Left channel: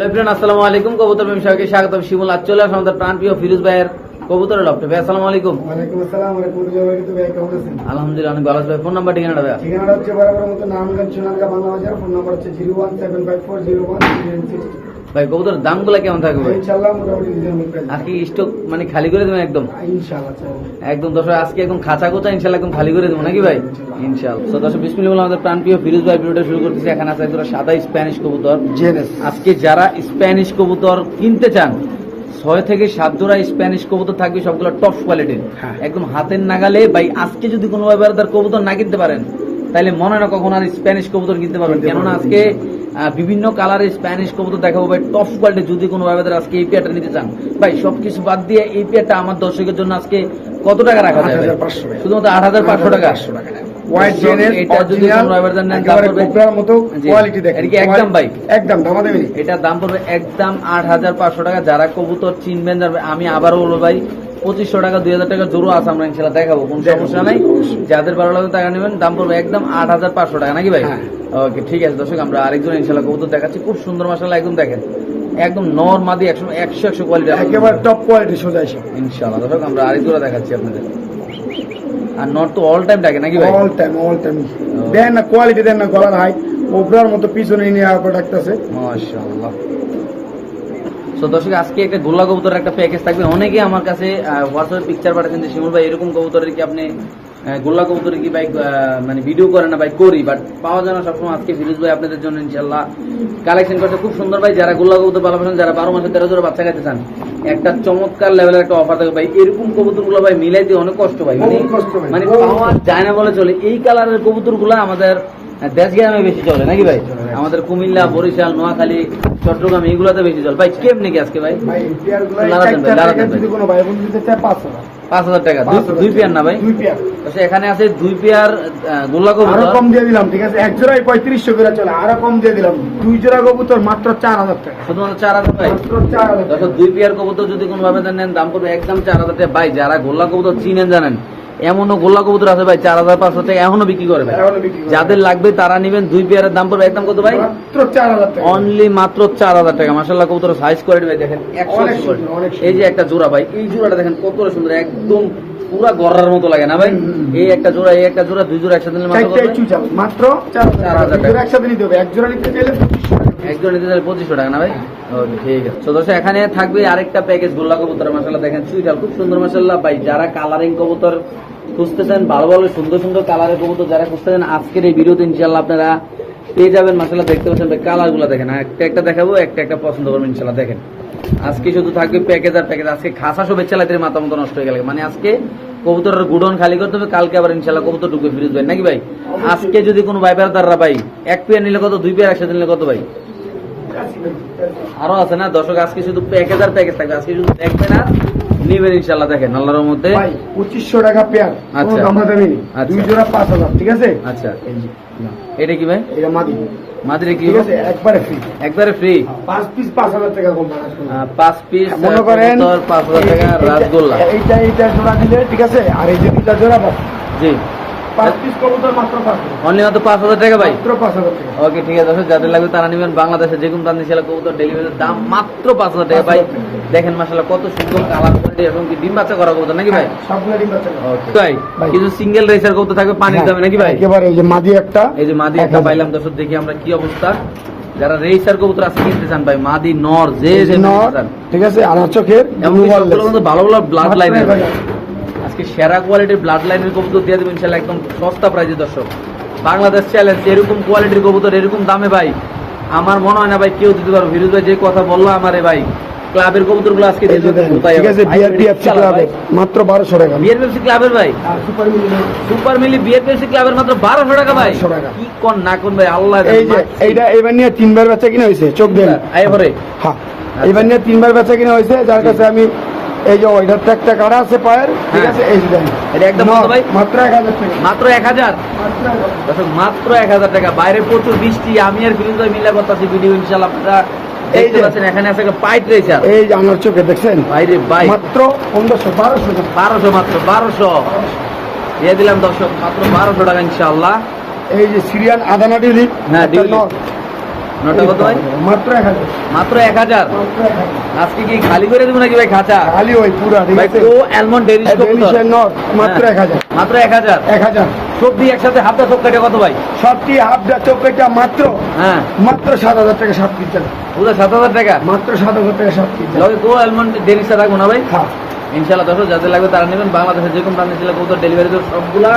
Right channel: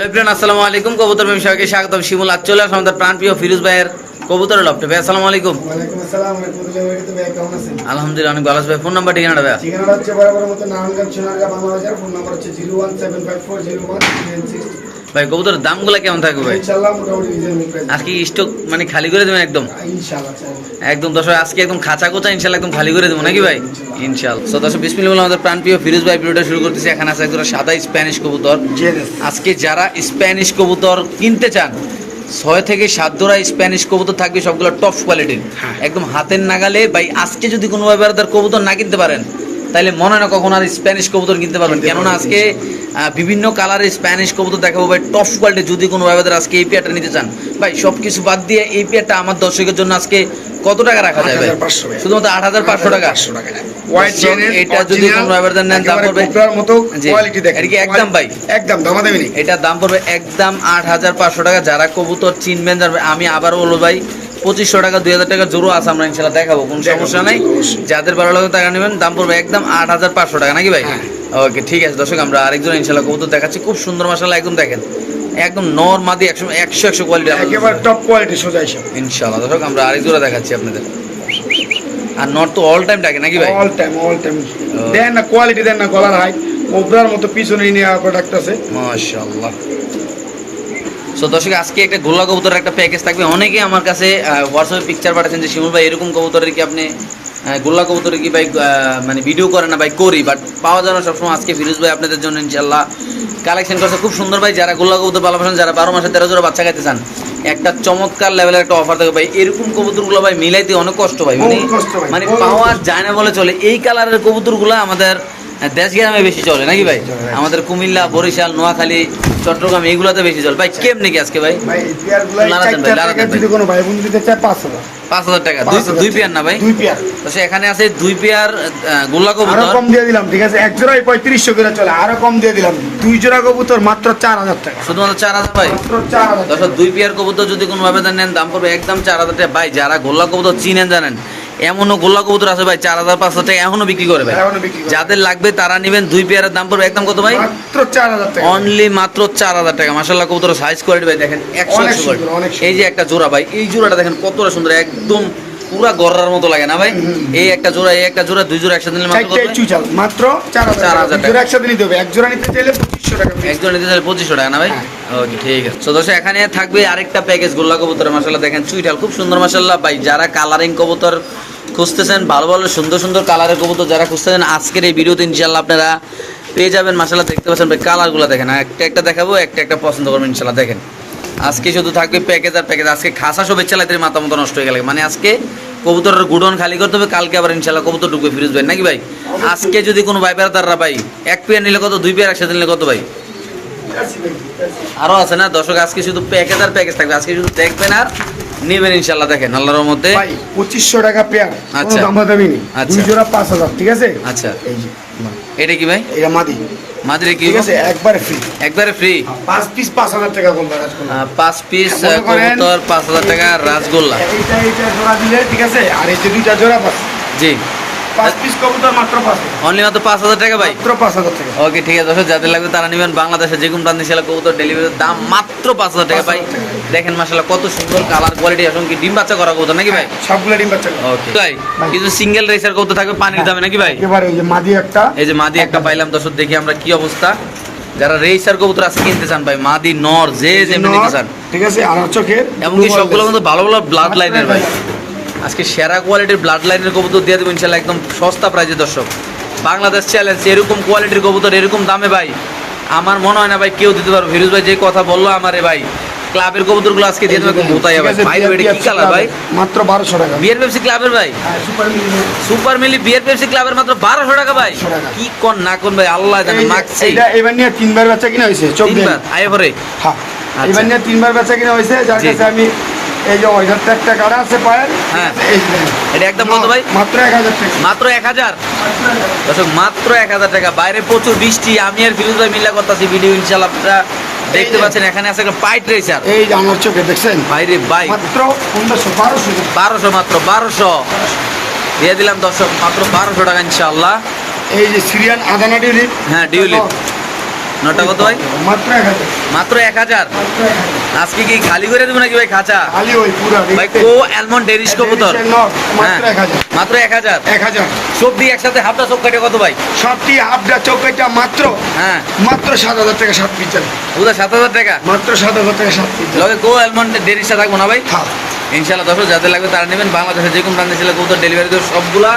আসসালামু আলাইকুম। কবুতর ব্যবসায়ীকে স্বাগতম। শিমুল আজ চলে আসলাম আমাদের প্রাণপ্রিয় ফিরোজ ভাইয়ের কবুতরের লফটে। ভাই আসসালামু আলাইকুম। আলহামদুলিল্লাহ অনেক ভালো আছি ভাই। ফোন নাম্বার ঠিকানাটা ভাই ঠিকানাটা হচ্ছে বরাবর মতো নারায়ণগঞ্জ সোনারগাঁ বাংলা বাজার। ফোন নাম্বার হচ্ছে zero one seven five four zero one ভাই কবুতরের দামগুলো কেমন থাকবে ভাই? আজকে স্টক মানে খালি করে দেবেন একদম? একদম দর্শক আজকে একদম খাঁচা কোচা ইনশাল্লাহ একদম খালি করে দেবো নাকি ভাই? ইনশাল্লাহ তো দর্শক বিসমিল্লাহ বলে আমাদের প্রাণপ্রিয় ফিরোজ ভাই ভিডিওটা শুরু করতেছি। এখানে আছে একজন সাদা স্প্যানিশ কবুতর। আজকে যারা স্প্যানিশ কবুতর কিনতে চান ছয় থেকে সাত জোড়া স্প্যানিশ কবুতর থাকবে সবগুলো টপ কোয়ালিটির হ্যাঁ। একদম হাতের নাগালে ভাই আজকে যদি কোনো ব্যাপারে তার কবুতর না কিনতে পারেন তাহলে মনে না কখন আর স্প্যানিশ কবুতর কিনতে পারবেন? কেননা আজকে বিভিন্ন কালারের স্প্যানিশ কবুতর দেখাবো ভাই। টপ কোয়ালিটি যদি কোনো ব্যাপারে আজকে এই পেয়ারটা নিতে চান। ভাই সব কিছু বাদ দিয়ে এই পেয়ারটা আমার দর্শকের জন্য আজকে কত টাকা রাখা যায় ভাই? শুধুমাত্র আট হাজার পাঁচশো টাকা। এটা যদি কোনো ব্যাপারে নেন দাম পড়বে মতো কোয়ালিটি দেখেন। একদম ভাই? একদম দামা দেবেনি। এটার দাম পড়বে একদম আট হাজার পাঁচশো টাকা। যারা কবুতর চিনবেন আমি আবারও বলব ভাই পঁচিশশো টাকা দুই হাজার টাকা জোরও আছে আমরা ইনশাল্লাহ দেখাবো কোনো সমস্যা নাই। যাদের ভালো লাগে টাকা নেবেন দাম পড়বে একদম আট হাজার পাঁচশো টাকা নাকি ভাই? হ্যাঁ। ওকে ঠিক আছে দর্শক আমরা আরেকজন ইনশাল্লাহ কবুতর দেখাচ্ছি খুব সুন্দর মাসাল্লাহ একদম দেখেন। একদম নর মাদি একশো একশো একশো কোয়ালিটি একেবারে টপ কোয়ালিটি সোজা ইনশাল্লাহ দর্শক আমরা আরেক জোড়া দেখাচ্ছি আপনাদের। আর নর তো অল টাইম ডাকে নাকি ভাই? অল টাইম অল টাইম দেন না কোয়ালিটি দেন না গলার হাইট কোবরার মতো পিছনে নিয়ে প্রোডাক্ট আছে। মাশাআল্লাহ। সো দর্শক আজকে একটা গোল্লা কবুতরের একটা প্যাকেজ থাকবে। অনেকে আমার কাছে হোয়াটসঅ্যাপে পিকচার পাঠাচ্ছেন যে শিমুল ভাই এরকম কবুতরের কি আপনি গোল্লা কবুতরের কি ভাই মানে ভিডিও করে না ভাই করি? বাট পাওয়া যায় না সবসময়। আজকে ফিরোজ ভাই আপনাদের জন্য ইনশাল্লাহ কালেকশন করছে। খুব সুন্দর ভাই যারা গোল্লা কবুতর ভালোবাসেন যারা বারো মাসে তেরো জোড়া বাচ্চা খাইতে চান একটা চমৎকার লেভেলের একটা অফার থাকবে ভাই। এরকম কবুতরগুলো ভাই মিলাইতে অনেক কষ্ট ভাই। মানে। মানে পাওয়া যায় না বলে চলে। এই কালারের কবুতরগুলো আমাদের দেশ গ্রামে বেশি চলে নাকি ভাই? আমাদের কুমিল্লা বরিশাল নোয়াখালী চট্টগ্রাম এগুলোতে বেশি চলে। ভাই কেমনি কি আজকে ভাই? পাঁচ হাজার। টাকা দুই দুই পেয়ার না ভাই? দুই পেয়ার। এখানে আছে দুই পেয়ার গোল্লা কবুতর। কম দিয়ে দিলাম ঠিক আছে? এক জোড়ায় পঁয়ত্রিশশো করে চলে আরও কম দিয়ে দিলাম। দুই জোড়া কবুতর মাত্র চার হাজার টাকা। শুধুমাত্র চার হাজার ভাই? দুই পেয়ার কবুতর যদি কোনো ভাবে নেন দাম করবে একদম চার হাজার টাকা। ভাই যারা গোল্লা কবুতর চিনেন জানেন এমনও গোল্লা কবুতর আছে ভাই চার হাজার পাঁচ হাজার টাকা এখনও বিক্রি করে ভাই। করে। যাদের লাগবে তারা নেবেন দুই পেয়ারের দাম পড়বে। একদম কত ভাই? অনলি মাত্র চার হাজার টাকা। মাসাল্লাহ কবুতর সাইজ কোয়ালিটি ভাই দেখেন একশো। এই যে একটা জোড়া ভাই এই জোড়াটা দেখেন কতটা সুন্দর একদম পুরা গড়ার মতো লাগে না ভাই? এই একটা জোড়া এই একটা জোড়া দুই জোড়া একসাথে নিলে মাত্র কত চার হাজার চার টাকা। দুই একসাথে নিতে হবে। এক জোড়া নিতে চাইলে পঁচিশশো টাকা piece। একজন নিতে চাইলে পঁচিশশো টাকা না ভাই? ওকে ঠিক আছে। তো দর্শক এখানে থাকবে আরেকটা প্যাকেজ গোল্লা কবুতর মাসাল্লাহ দেখেন চুইটাল খুব সুন্দর মাসাল্লাহ ভাই যারা কালারিং কবুতর খুঁজতেছেন, ভালো ভালো সুন্দর সুন্দর কালারের কবুতর যারা খুঁজতেছেন, আজকের এই ভিডিওতে ইনশাল্লাহ আপনারা পেয়ে যাবেন। মাসাল্লাহ দেখতে পাচ্ছেন ভাই কালারগুলো দেখেন। একটা একটা দেখাবো, একটা একটা পছন্দ করবেন ইনশাল্লাহ দেখেন। আজকে শুধু থাকবে প্যাকেজ আর প্যাকেজ আজকে খাসা সব চালাতে মাথা মতো নষ্ট হয়ে গেলে। মানে আজকে কবুতরের গুডন খালি করতে হবে, কালকে আবার ইনশাল্লাহ কবুতর ঢুকবে ফিরোজ ভাই, নাকি ভাই? আজকে যদি কোনো ভাই বেড়াদাররা ভাই, এক পেয়ার নিলে কত, দুই পেয়ার একসাথে নিলে কত ভাই? আরও আছে না? দর্শক, আজকে শুধু প্যাকেজ আর প্যাকেজ থাকবে। আজকে শুধু দেখবেন আর নেবেন ইনশাল্লাহ দেখেন আল্লাহর মধ্যে ভাই পঁচিশশো টাকা পেয়ার আচ্ছা। দামি নেই। আচ্ছা। দুই জোড়া পাঁচ হাজার ঠিক আছে? আচ্ছা। এটা কি ভাই? এটা মাদি। মাদ্রে কি আছে একবারে ফ্রি একবারে ফ্রি পাঁচ পিস পাঁচ হাজার টাকা কম করলাম। পাঁচ পিস করেন কবুতর পাঁচ হাজার টাকা রাসগোল্লা এইটা এইটা জোড়া দিলে ঠিক আছে? আর এই যে দুইটা জোড়া পাস জি। পাঁচ পিস কবুতর মাত্র পাঁচ হাজার। অনলি মাত্র পাঁচ হাজার টাকা ভাই? মাত্র পাঁচ হাজার টাকা। ওকে ঠিক আছে যাদের লাগবে তারা নেবেন। বাংলাদেশে যে কোনো প্রান্তে সেলা কবুতর ডেলিভারির দাম মাত্র পাঁচ হাজার টাকা ভাই। দেখেন মাসাল্লাহ কত সুন্দর কালার কোয়ালিটি এবং কি ডিম বাচ্চা করা কবুতর নাকি ভাই? সবগুলো ডিম বাচ্চা ওকে ভাই ভাই। কিছু সিঙ্গেল রেসার কবুতর থাকবে পানির দামে নাকি ভাই? এই যে মাদি একটা। এই যে মাদি একটা পাইলাম দর্শক দেখি আমরা কি অবস্থা। যারা রেসার কবুতর আজকে কিনতে চান ভাই মাদি নর যে যেমনি নিতে চান। ঠিক আছে আর এমনকি সবগুলো কিন্তু ভালো ভালো ব্লাড লাইনের ভাই। আজকে সেরা কোয়ালিটির ব্লাড লাইনের কবুতর দিয়ে দেবো ইনশাল্লাহ একদম সস্তা প্রাইজে দর্শক। বাংলাদেশ চ্যালেঞ্জ এরকম কোয়ালিটির কবুতর এরকম দামে ভাই আমার মনে হয় না ভাই কেউ দিতে পারবে। ফিরোজ ভাই যে কথা বলল আমারে ভাই ক্লাবের কবুতরগুলো আজকে দিয়ে দেবে কোথায় ভাই মাত্র বারোশো টাকা। বিয়ার পেপসি ক্লাবের ভাই? সুপার মিলি সুপার মিলি বিয়ার পেপসি ক্লাবের মাত্র বারোশো টাকা ভাই। কি কোন না কোন ভাই আল্লাহ জানে এইটা এবার নিয়ে তিনবার বাচ্চা কিনা হয়েছে চোখ দেন। আয় হ্যাঁ আচ্ছা। এবার নিয়ে তিনবার বাচ্চা কিনা হয়েছে যার কাছে আমি এই যে ওইটার তো একটা কাটা আছে পায়ের ঠিক হ্যাঁ। আছে? এই এটা একদম কত ভাই? মাত্র এক হাজার টাকা। মাত্র এক হাজার? দর্শক মাত্র এক হাজার টাকা। বাইরে প্রচুর বৃষ্টি। আমি আর ফিরোজ ভাই মিলা করতেছি ভিডিও ইনশাল্লাহ আপনারা দেখতে পাচ্ছেন এখানে আছে একটা পাইট রেসার এই যে আমার চোখে দেখছেন? বাইরে বাই মাত্র পনেরোশো বারোশো বারোশো মাত্র বারোশো। দিয়ে দিলাম দর্শক মাত্র বারোশো টাকা ইনশাল্লাহ এই যে সিরিয়ান আদানা ডিউলি হ্যাঁ, ডিউলিপ। নটা কত ভাই? মাত্র এক হাজার। মাত্র এক হাজার? আজকে কি খালি করে দেবো নাকি ভাই খাঁচা? খালি ওই পুরা ভাই কো অ্যালমন্ড ডেরিশ ডেলিশিয়াস মাত্র হ্যাঁ। এক হাজার। মাত্র এক হাজার? এক হাজার। সব দিয়ে একসাথে হাফটা কাটে কত ভাই? সবটি হাফডা চৌকাইটা মাত্র হ্যাঁ। মাত্র সাত হাজার টাকা সাত পিস যাবে সাত হাজার টাকা? মাত্র সাত হাজার টাকা সাত পিস লগে কো অ্যালমন্ড ডেরিশটা রাখব না ভাই? হ্যাঁ। ইনশাল্লাহ দর্শক যাদের লাগবে তারা নেবেন। বাংলাদেশে যে কোনো প্রান্তে ছিল কবুতর ডেলিভারি সবগুলা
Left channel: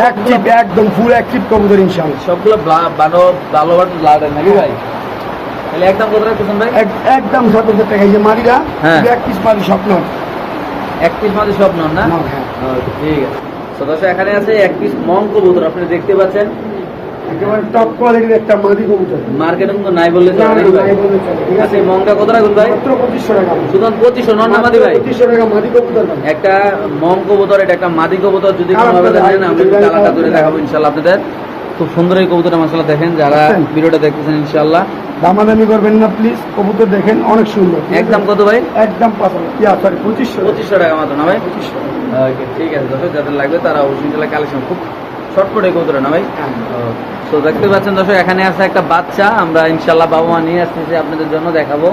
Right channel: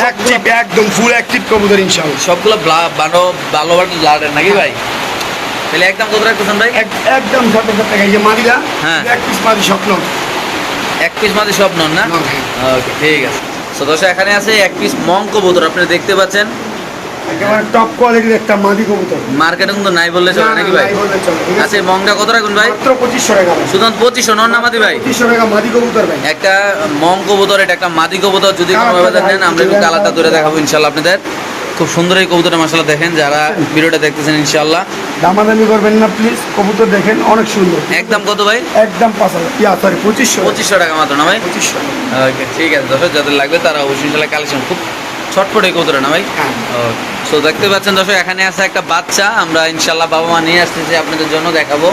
অ্যাক্টিভ একদম ফুল অ্যাক্টিভ কবুতর ইনশাআল্লাহ। সবগুলো ভালো ভালো ব্লাডের নাকি ভাই? তাহলে একদম কত রাখতেছেন ভাই? একদম সাত হাজার টাকা? এই যে হ্যাঁ। এক পিস মাদি স্বপ্ন। এক পিস মাদি স্বপ্ন না? না, হ্যাঁ। ওকে ঠিক আছে। সদস্য এখানে আছে এক পিস মং কবুতর। আপনি দেখতে পাচ্ছেন একেবারে টপ কোয়ালিটির একটা মাদি কবুতর। মার্কেটে কিন্তু নাই বললে চলে নাকি ভাই? নাই বললে চলে, ঠিক আছে? আচ্ছা মংটা কত রাখুন ভাই? মাত্র পঁচিশশো টাকা। শুধু পঁচিশশো নন মাদি ভাই? পঁচিশশো টাকা মাদি কবুতর ভাই। একটা মং কবুতর এটা একটা মাদি কবুতর যদি কোনো ভাবে নেন আমরা একটু কালারটা ধরে দেখাবো ইনশাল্লাহ আপনাদের। খুব সুন্দর এই কবুতরের মশলা দেখেন যারা ভিডিওটা দেখতেছেন ইনশাল্লাহ দামাদামি করবেন না প্লিজ কবুতর দেখেন অনেক সুন্দর। একদম কত ভাই? একদম পঁচিশশো। পঁচিশশো টাকা মাত্র না ভাই? পঁচিশশো। ওকে ঠিক আছে দর্শক যাদের লাগবে তারা অবশ্যই কালেকশন খুব ছটফট এই কবুতর না ভাই? হ্যাঁ। সো দেখতে পাচ্ছেন দর্শক, এখানে আছে একটা বাচ্চা। আমরা ইনশাল্লাহ বাবা মা নিয়ে আসতেছি, আপনাদের জন্য দেখাবো।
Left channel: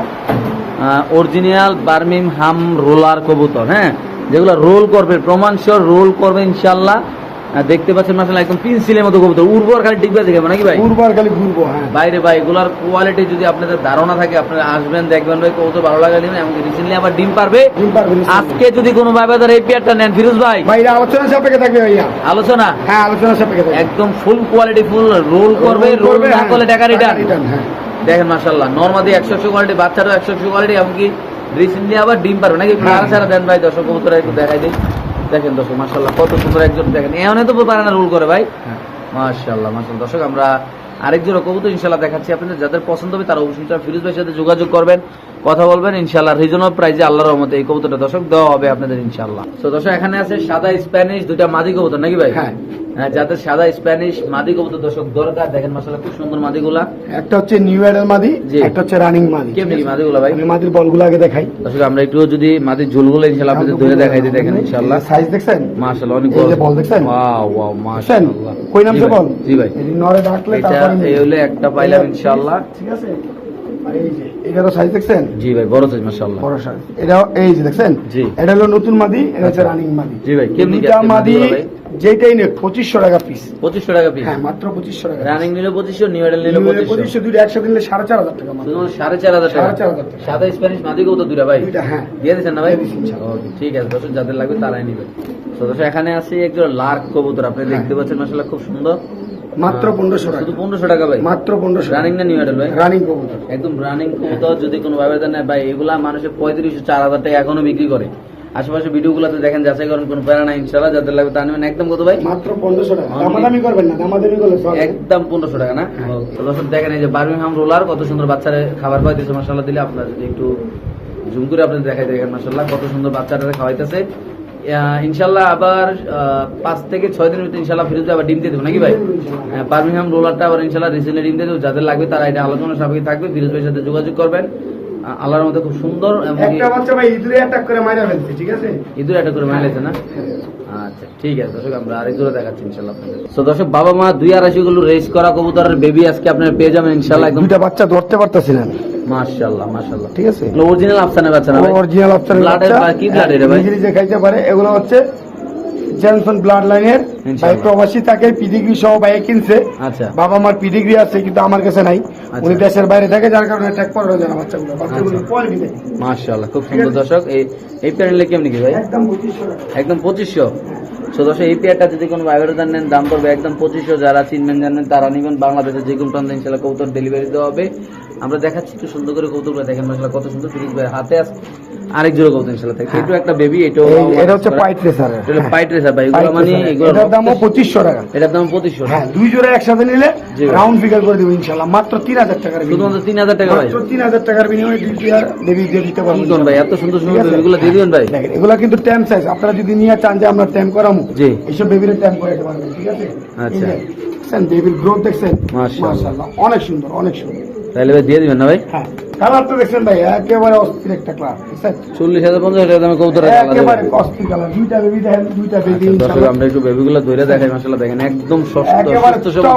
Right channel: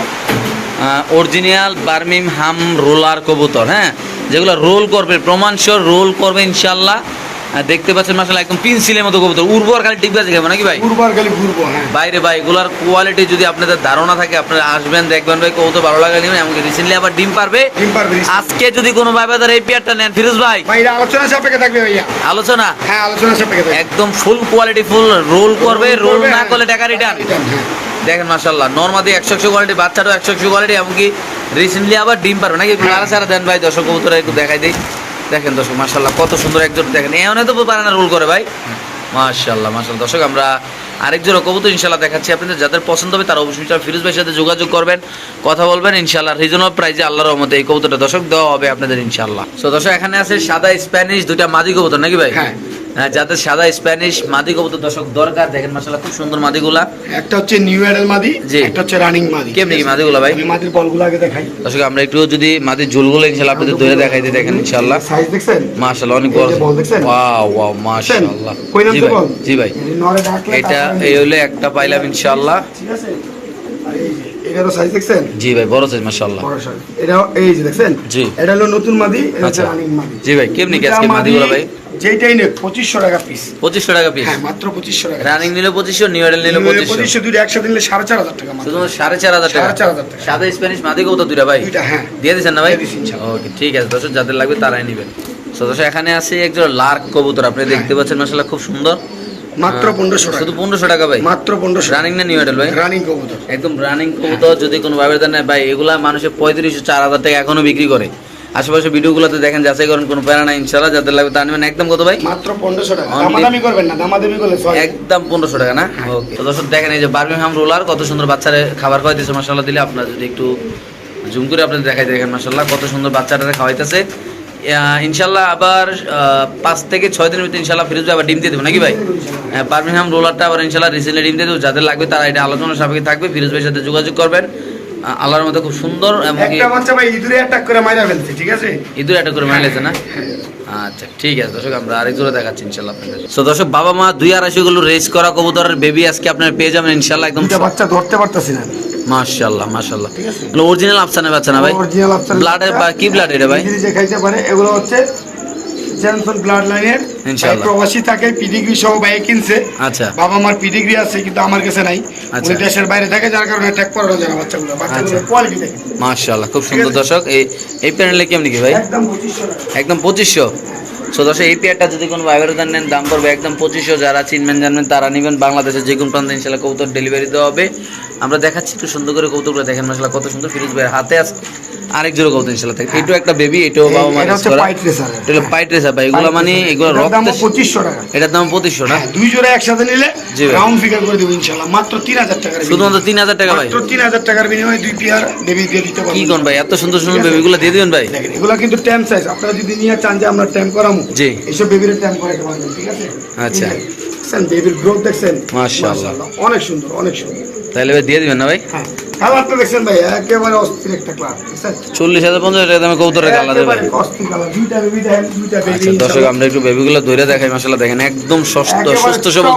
অরিজিনাল বার্মিম হাম রোলার কবুতর হ্যাঁ? যেগুলো রোল করবে প্রমাণ রোল করবে ইনশাল্লাহ দেখতে পাচ্ছেন মাসাল্লাহ একদম পেন্সিলের মতো কবুতর। উর্বর খালি টিকবে দেখাবো নাকি ভাই? ঘুরবার খালি ঘুরবো হ্যাঁ। বাইরে ভাই এগুলার কোয়ালিটি যদি আপনাদের ধারণা থাকে আপনারা আসবেন দেখবেন ভাই কবুতর ভালো লাগে নেবেন এমনকি রিসেন্টলি আবার ডিম পারবে। ডিম পারবে আজকে যদি কোনো ভাই বাজার এই পেয়ারটা নেন ফিরোজ ভাই। ভাই আলোচনা সাপেক্ষে থাকবে ভাইয়া। আলোচনা? হ্যাঁ আলোচনা সাপেক্ষে থাকবে। একদম ফুল কোয়ালিটি ফুল রোল করবে রোল না করলে টাকা রিটার্ন হ্যাঁ। দেখেন মাশাল্লাহ নর্মাদি একশো একশো কোয়ালিটি বাচ্চাটাও একশো একশো কোয়ালিটি এমনকি রিসেন্টলি আবার ডিম পারবে। নাকি হ্যাঁ। সারা সারা দেন ভাই দর্শক কবুতরা একটু দেখাই দিই। দেখেন দর্শক মাশাল্লাহ কত সুন্দর একজন দেখেন। এ এমন তো পারে না রোল করে ভাই। মাশাল্লাহ মাশাল্লাহ দর্শক, আমরা আরেকজন কবুতর ইনশাল্লাহ দেখাচ্ছি আপনাদের। যাদের পছন্দ হবে তারা অবশ্যই ফিরোজ ভাইয়ের সাথে যোগাযোগ করবেন, কথা বলবেন। ইনশাল্লাহ রিজনেবল প্রাইজে আল্লাহ রহমতে এই কবুতরটা দর্শক দেওয়া হবে আপনাদের ইনশাল্লাহ তো দর্শক, এখানে আছে সাদা স্প্যানিশ দুটা মাদি কবুতর, নাকি ভাই? হ্যাঁ। হ্যাঁ যাদের সাদা স্প্যানিশ মাদি কবুতর দর্শক দরকার। দেখেন মাশাল্লাহ খুব সুন্দর মাদিগুলা। একটা হচ্ছে নিউ এডের মাদি। একটা হচ্ছে রানিং মাদি। কেমনি কি মাদিগুলো ভাই? আমি মাদির বলগুলো আগে দেখাই। দর্শক আমরা একটু যদি মাটির ঝুলগুলো ইনশাল্লাহ আপনাদের ধরে দেখাই দিই দেখেন ইনশাল্লাহ সাইজ দেখছেন? মাশাল্লাহ অনেক বড়। বল দেখছেন? Wow wow? মাশাল্লাহ কই নাম জি তো ভাই বল? জি ভাই। এটা এই হলে একটা পাইলাম ইনশাআল্লাহ। ঠিক আছে? আর এই যে সাইজ দেখছেন? জি ভাই বড় সাইজ মাশাল্লাহ বড় size। এটা এই যে দেখছেন? জি। এটা হলো নতুন মাদি এটা হচ্ছে। রানিং মাদি। জি ভাই কেমনি কি দুইটা আজকে ভাই? যেটাই নে পঁচিশশো টাকা পিস পঁচিশশো টাকা পিস হ্যাঁ মাত্র পঁচিশশো টাকা রানিং নিলে পঁচিশশো নিউ এডেল নিলে পঁচিশশো। পঁচিশশো দুটো একসাথে নিলে সাড়ে চার হাজার টাকা মাত্র। শুধু সাড়ে চার হাজার টাকা? সাড়ে চার হাজার টাকা। সাদা স্প্যানিশ মাদি কবুতর দুইটা ভাই? দুইটা হ্যাঁ। দিয়ে দিচ্ছেন না ভাই? দিয়ে দিচ্ছি, ইনশাআল্লাহ। ওকে ঠিক আছে দর্শক যাদের লাগবে তারাই নেবেন। তো দর্শক এখানে আছে একজন লার্ক কবুতর। আপনি হ্যাঁ। দেখতে পাচ্ছেন মাসাল্লাহ খুব সুন্দর। মাত্র পনেরোশো টাকা। শুধু পনেরোশো টাকা ভাই। মাত্র পনেরোশো রানিং না নিউ ভাই? রানিং কবুতর। একদম রানিং কবুতর যদি কোনো ভাবে নেয় ভাই এগুলা মানুষের পঁয়ত্রিশশো চার হাজার টাকা এখনও বিক্রি করে। আশেপাশে ভিডিওগুলোতে দেখেন যাচাই করেন কোনো প্যারা নাই যাদের লাগবে তা নেবেন। একদম কত ভাই? মাত্র পনেরোশো টাকা। দামাদামি করবেন না দামাদামি করলে একদম পনেরোশো টাকা না? হ্যাঁ। তো দর্শক দেখেন এই যে বার্মিংহাম রোলার কত সুন্দর বাচ্চারে খাবার খাওয়াইতেছে মশলা দিলে আপনারা যদি একটু জুম করে আপনাদের দেখাই দেখেন মাসাল্লাহ কত সুন্দর বাচ্চাটা খাওয়াইতেছে। ইনশাল্লাহ আবার পাঁচ থেকে ছয় দিনের ভিতরে ইনশাল্লাহ ফিরোজ আবার ডিম দিয়ে দেবো নাকি ভাই? পারমিহাম রোলারটা আবার ইনশাল্লাহ রিসেন্টলি ডিম দিয়ে দেবো যাদের লাগবে তারা এটা আলোচনা সাপেক্ষে থাকবে ফিরোজ ভাইয়ের সাথে যোগাযোগ করবেন। আল্লাহর মতো খুব সুন্দর এমনকি ইঁদুরে অ্যাটাক করে মারা ফেলছে ঠিক আছে? ইঁদুরে অ্যাটাক করে মারা ফেলছে না? আচ্ছা ঠিক আছে দর্শক আমরা আরেক জোড়া দেখাচ্ছি ইনশাল্লাহ আপনাদের। সো দর্শক বাবা মা দুই আড়াইশো গুলো রেস করা কবুতরের বেবি আজকে আপনার পেয়ে যাবেন ইনশাল্লাহ একদম বাচ্চা ধরতে পারতেছি না মাশাআল্লাহ মাশাআল্লাহ ঠিক আছে। অরিজিনাল আফসানের বাচ্চা না ভাই? অরিজিনাল আফসান ব্লাডের বা কি ব্লাড এটা ভাই? যে খাইতে পারে এগুলো হচ্ছে জেনসন ব্লাড লাইনের। প্রবাসী থাকে পিডিগ্রি সহ বাইক কিনছে। আচ্ছা। বাবা আমার পিডিগ্রি আছে কিন্তু আমার কাছে নাই। আচ্ছা। উনি দেশের বাইরে থাকে যার কারণে অ্যাটাক করানো যায় বাচ্চাগুলো বাচ্চাগুলো। আচ্ছা। কোয়ালিটি দেখে মাশাআল্লাহ খুব সুন্দর দর্শক। এই এই প্যানেলে কেমনি কি ভাই? একদম পঁচিশশো। টাকা একদম পঁচিশশো। সো দর্শক এই পেয়ারটা যদি কোনো ভাইবের নেন দাম পড়বে একদম পঁচিশশো। যারা চিনবেন জানবেন তারা নেবেন বাংলাদেশের যে কোনো প্রান্তে। ইনশাল্লাহ কবুতর ডেলিভারি দেওয়া হবে। আমরা দেখাচ্ছি একটু সুন্দর করে কৌতুকগুলো দেখেন মাসাল্লাহ কত সুন্দর ফিরোজ ভাইয়ের হাতে আছে। আরেক জোড়া কৌতুক ইনশাল্লাহ থাকে এটাও একটা বেবি এই- এটা হচ্ছে পাইট রেসার এটা পাইট রেসার ভাই এগুলো মানে এগুলো দাম রক্ত পঁচিশশো টাকা। এটার দাম পঁচিশশো না? হ্যাঁ দুই জোড়া একসাথে নিলে রাউন্ড ফিগার করে দেবো ইনশাল্লাহ মাত্র তিন হাজার টাকার শুধুমাত্র তিন হাজার টাকা ভাই। মাত্র তিন হাজার টাকার বিনিময়ে দুই পেয়ার বেবি দিয়ে দিতে পারব। কি কোন ভাই? এত সুন্দর সুন্দর বেবিগুলো দিয়ে দিবেন ভাই। এগুলা কিন্তু ট্যাম সাইজ আপনারা যদি নিয়ে চান যে আমরা ট্যাম করামু জি। এইসব বেবির ট্যাম করাতে পারবেন ঠিক আছে? আচ্ছা। দেখছেন বেবির গ্রোথ দেখছেন। মাশাআল্লাহ, অনেক সুন্দর অনেক সুন্দর। তাহলে ভাই দিয়ে দিবেন না ভাই? হ্যাঁ। কালারটা দেখছেন ভাই একেবারে অস্থির একটা ক্লাস চল্লিশ হাজার পঞ্চাশ টাকা দামে কবুতরের কালার দেবে। অস্থির কালার দুইটা বেবি দেখেন দুইটা বেবি আচ্ছা দর্শক আমরা একটু বেবিগুলো ধরে দেখাই দেখেন একদম সুস্থ সবল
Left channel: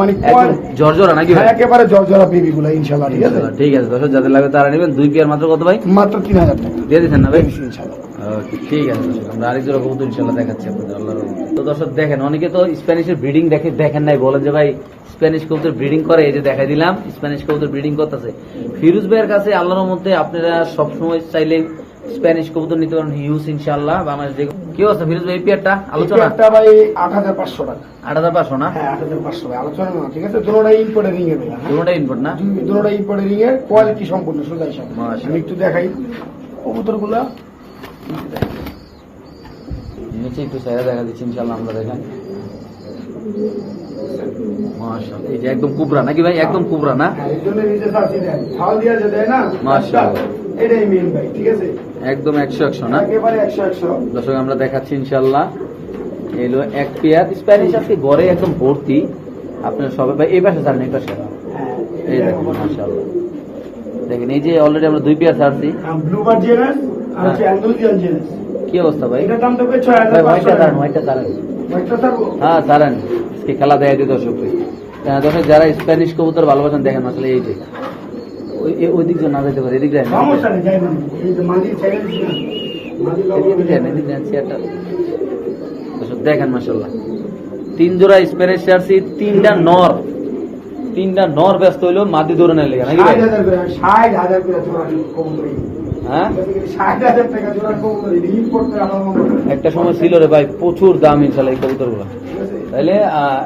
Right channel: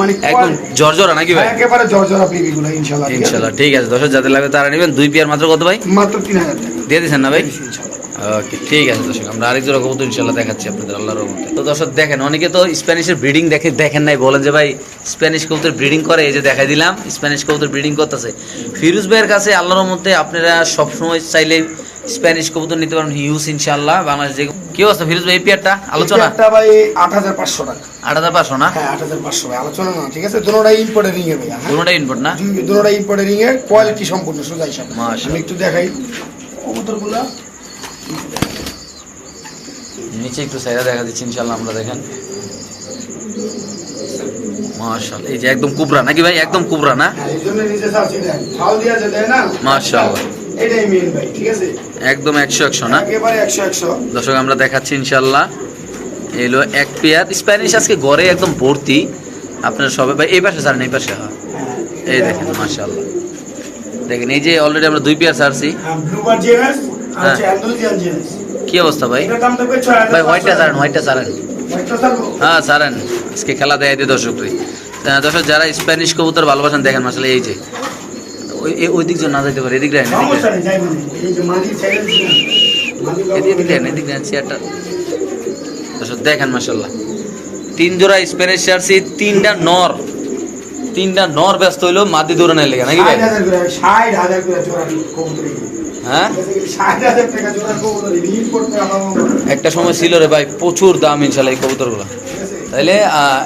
মানে একদম। জর্জরা নাকি ভাই? একেবারে জর্জরা বেবি গুলো ইনশাআল্লাহ ঠিক আছে? দর্শক যাদের লাগবে তারা নেবেন। দুই পেয়ার মাত্র কত ভাই? মাত্র তিন হাজার টাকা। দিয়ে দিচ্ছেন না ভাই? ইনশাআল্লাহ। ওকে ঠিক আছে দর্শক আমরা আরেক জোড়া কবুতর ইনশাল্লাহ দেখাচ্ছি আপনাদের আল্লাহর রহমতে। তো দর্শক দেখেন অনেকে তো স্প্যানিশের ব্রিডিং দেখে দেখেন নাই বলেন যে ভাই স্প্যানিশ কবুতর ব্রিডিং করে এই যে দেখাই দিলাম স্প্যানিশ কবুতর ব্রিডিং করতেছে। ফিরোজ ভাইয়ের কাছে আল্লাহর মধ্যে আপনারা সবসময় চাইলে স্প্যানিশ কবুতর নিতে পারেন হিউজ ইনশাল্লাহ বাংলাদেশ যে কি অবস্থা ফিরোজ ভাই পেয়ারটা? আলোচনা? ভাই আট হাজার পাঁচশো টাকা। আট হাজার পাঁচশো না? হ্যাঁ আট হাজার পাঁচশো আলোচনা না ঠিক আছে? দুটোটাই ইম্পোর্টের রিং এর ভাই হ্যাঁ? দুটোটাই না? দুটোটাই ইম্পোর্টের রিং এর কোয়ালিটি সম্পূর্ণ সোজা হিসাব আমি একটু দেখাই। কবুতরগুলা নিচে একটু সাইডে দেখা দিচ্ছি ইনশাল্লাহ আমরা দেখেন। মাশাআল্লাহ, এই যে একদম কুবরা, নাকি ভাই? একদম কুবরা না? হ্যাঁ আছে একদম একশো একশো না? দর্শক, আমরা দেখাচ্ছি ইনশাল্লাহ এলো এক পেয়ার। স্প্যানিশ আজকে ঘরে একদম ভর্তি। আপনার সবাই ভাই, এই পাশে ছাড়েন, এই পাশে। হ্যাঁ। এই দেখেন, মাশাআল্লাহ। দেখেন, এই যে অলরেডি আমরা দুই পেয়ার ছাড়ছি। হ্যাঁ। কি অবস্থা ভাই? ভাই হোয়াইটটা ছাড়েন হোয়াইটটা ছাড়েন। হ্যাঁ ছাড়েন। আজকে খেলা দেয় দিয়ে দর্শক তুই দর্শক যারা স্প্যানিশ কবুতর ভালোবাসেন দেখেন আসলে এই যে। ওই দিক না যাইতে পারে এদিক রাখেন এদিক এদিক রাখেন এদিক রাখেন চেয়ারটা দর্শক দেখেন মাসাল্লাহ তিন জোড়া স্প্যানিশ জার্সি তিনটা নর। তিনটা নর ব্যস্ত হইল মাদি দৌড়ানোর লেগে নাকি ভাই? ষাট হাজার হ্যাঁ? একটা সময় ছিল রে ভাই প্রচুর দাম ইনশাল্লাহ এই কবুতরগুলো। তাইলে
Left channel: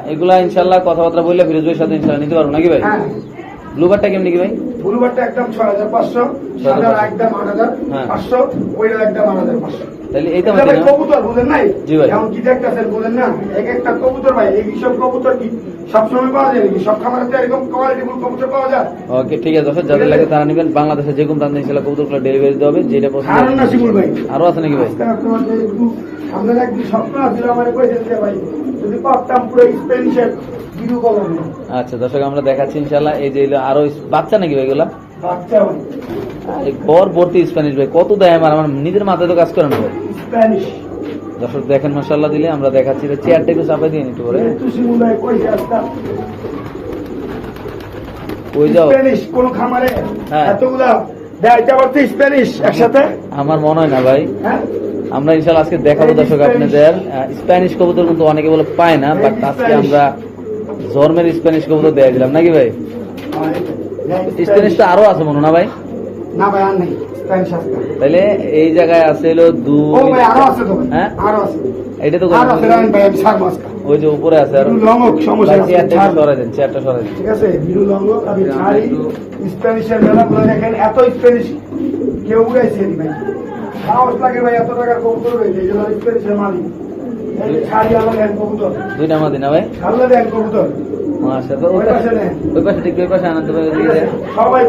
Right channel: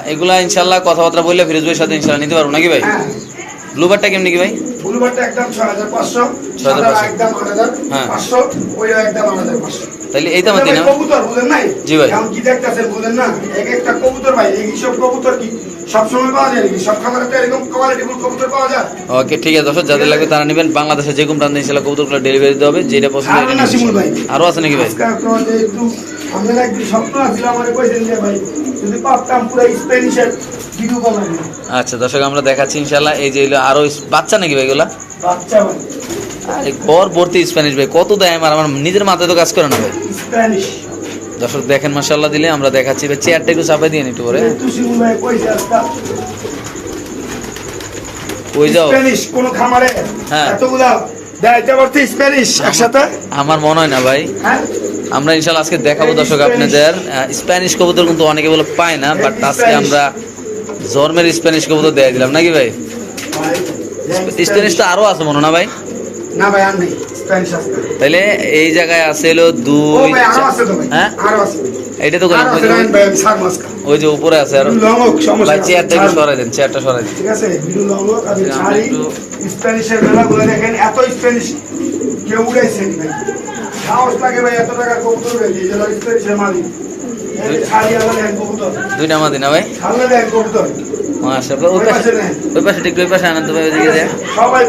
এগুলা ইনশাল্লাহ কথাবার্তা বললে ফিরোজ ভাইয়ের সাথে ইনশাল্লাহ নিতে পারব নাকি ভাই? হ্যাঁ। ব্লুবারটা কেমনি কি ভাই? ব্লুবারটা একদম ছয় হাজার পাঁচশো 6,500 একদম আট হাজার হ্যাঁ। পাঁচশো ওইটা একদম আট হাজার পাঁচশো। তাইলে এই দাম দিন কবুতর বুঝেন নাই? জি ভাই। এখন কি দেখতেছেন বুঝেন না? এক একটা কবুতর ভাই এই সব কবুতর কি সবসময় পাওয়া যায় নাকি? সব তো এরকম কোয়ালিটি কবুতর পাওয়া যায়। ওকে ঠিক আছে দর্শক যাদের লাগবে তারা নেবেন। বাংলাদেশে যে কোনো প্রান্তে ইনশাল্লাহ কবুতরগুলো ডেলিভারি দিতে হবে যেটা পছন্দ আর আছে নাকি ভাই? আমাদের একটু স্বপ্ন আছিল আমাদের কইছেন যে ভাই যদি পারতাম পুরো ভিডিও করবেন আচ্ছা দর্শক আমরা দেখাচ্ছি ইনশাল্লাহ এই যে আরও বাচ্চা নাকি ভাই এগুলা? বাচ্চা ঘর ভর্তি স্প্যানিশ ভাই কত দেয় আমার? আমার নিজের মাথায় তো কাজ করে না ভাই। স্প্যানিশ দর্শক দেখেন মাসাল্লাহ দিলে আমরা দেখাচ্ছি। ভাই চেয়ারটা একটু চাপাই দিয়ে কইছে আজকে ওই যাও। কোন খামারে হ্যাঁ। আমার মনে হয় না ভাই। হ্যাঁ? আমরা ইনশাল্লাহ আজকে দেখাবো দর্শক আপনাদের। স্প্যানিশ কবুতর কিন্তু অনেকে বলে পায় না বাট আজকে আমরা জর্মের স্প্যানিশ কবুতর দেয় দিলাম। নাকি ভাই? স্প্যানিশ তো আরও আছে মনে না ভাই? না ভাই আর নেই স্প্যানিশ আছে। তাইলে এই জায়গায় আছে হলো দুই ভাই আরও চার- আছে তো হ্যাঁ? এটা তো ওই যে- উপরে আছে আর। ভাই চেয়ারটা একটু। সরাই দেন চেয়ারটা সরাই দেন। ঠিক আছে বিরু লঙ্গক ছাড়ি স্প্যানিশের মেলাগুলো দেখেন এত স্প্যানিশ কেউ উড়াইছে ভাই। সাহস লাগে ভাই এত টাকার কবুতর রয়েছে যে স্প্যানিশের মালিক। এই ছাড়ি আলাদা দেন কবুতর। দুইটা মাদি না ভাই? ওই পাশে পাশে ওই পাশে ঠিক ওই পাশে আনন্দ ভাই ওইদিকে সবাই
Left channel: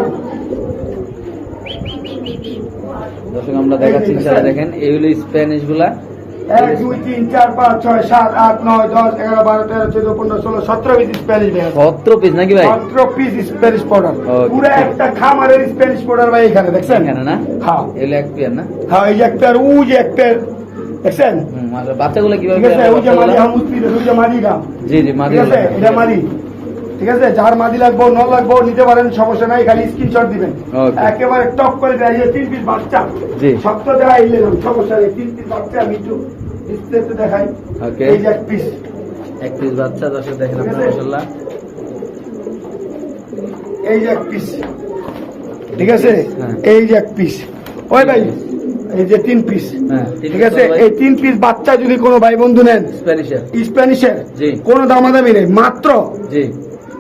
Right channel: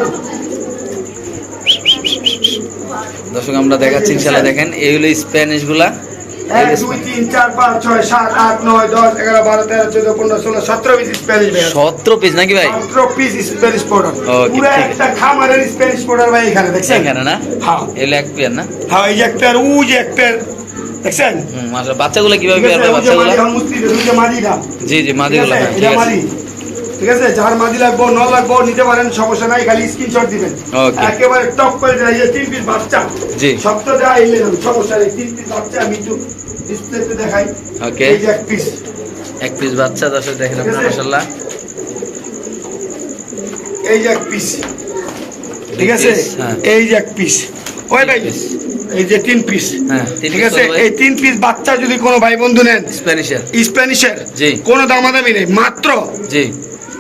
দর্শক আমরা দেখাচ্ছি ইনশাআল্লাহ দেখেন এই হলো স্প্যানিশগুলা এক দুই তিন চার পাঁচ ছয় সাত আট নয় দশ এগারো বারো তেরো চোদ্দ পনেরো ষোলো সতেরো পিস স্প্যানিশ সতেরো পিস নাকি ভাই? সতেরো পিস স্প্যানিশ পাউডার পুরো একটা খামারের স্প্যানিশ পাউডার ভাই এখানে দেখছেন? এখানে না? হ্যাঁ। এগুলো এক পেয়ার না? হ্যাঁ এই দেখছেন? বাচ্চাগুলো কীভাবে পেয়ার আছে ভাই ওই যে মাদি বাচ্চাগুলো এখন মুস্তি ওই যে মাদিটা জি জি মাদিগুলো হ্যাঁ ঠিক আছে। মাদি ঠিক আছে? যার মাদি লাগবো ন লাগবো নিতে পারেন সমস্যা নাই খালি স্ক্রিনশট দিবেন। একেবারে টপ করে দেয় তিন পিস বাচ্চা। জি। সপ্তাহ দেওয়া এলে সমস্যা নেই তিন পিস বাচ্চা আমি একটু ডিসপ্লেতে দেখাই। ওকে এই যে এক পিস এক পিস বাচ্চা দর্শক দেখেন। মাশাআল্লাহ। এই যে এক পিস ঠিক আছে? হ্যাঁ। এই যে এক পিস ওই ভাই এই যে তিন পিস হ্যাঁ ঠিক আছে? এই তিন পিস বাচ্চা যদি কোনো ভাই বন্ধু নেন স্প্যানিশের স্প্যানিশের কোনো দামাদামি নেই মাত্র জি।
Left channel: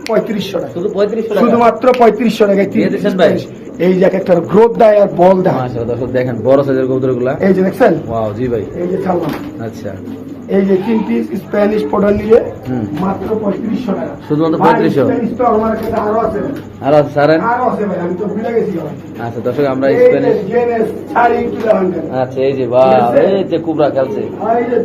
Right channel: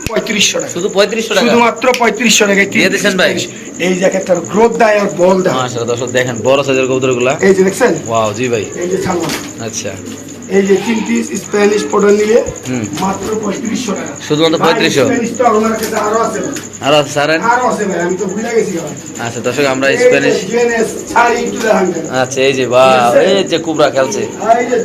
পঁয়ত্রিশশো টাকা। শুধু পঁয়ত্রিশশো টাকা? শুধুমাত্র পঁয়ত্রিশশো দিয়ে ভাই? Spanish। এই যে এক একটা গ্রোথ দেয় আর বল দেয়। মাশাআল্লাহ দর্শক দেখেন বড় সাইজের কবুতরগুলা। এই যে দেখছেন? ওয়াও জি ভাই। এই যে ছাগল। আচ্ছা। এই যে তিন পিস স্প্যানিশ পাউডার নিলে হুম। মাত্র পঁয়ত্রিশশো টাকা। শুধুমাত্র ভাই, 3500? স্প্যানিশ তো আমার কাছে আরও আছে ভাই। আর আছে সারেন? আরও আছে ভাই আমি তো ভুলে গেছি আচ্ছা দর্শক আমরা স্প্যানিশ। আচ্ছা এই যে বা এই যে কুবরা খেলছে। এই যে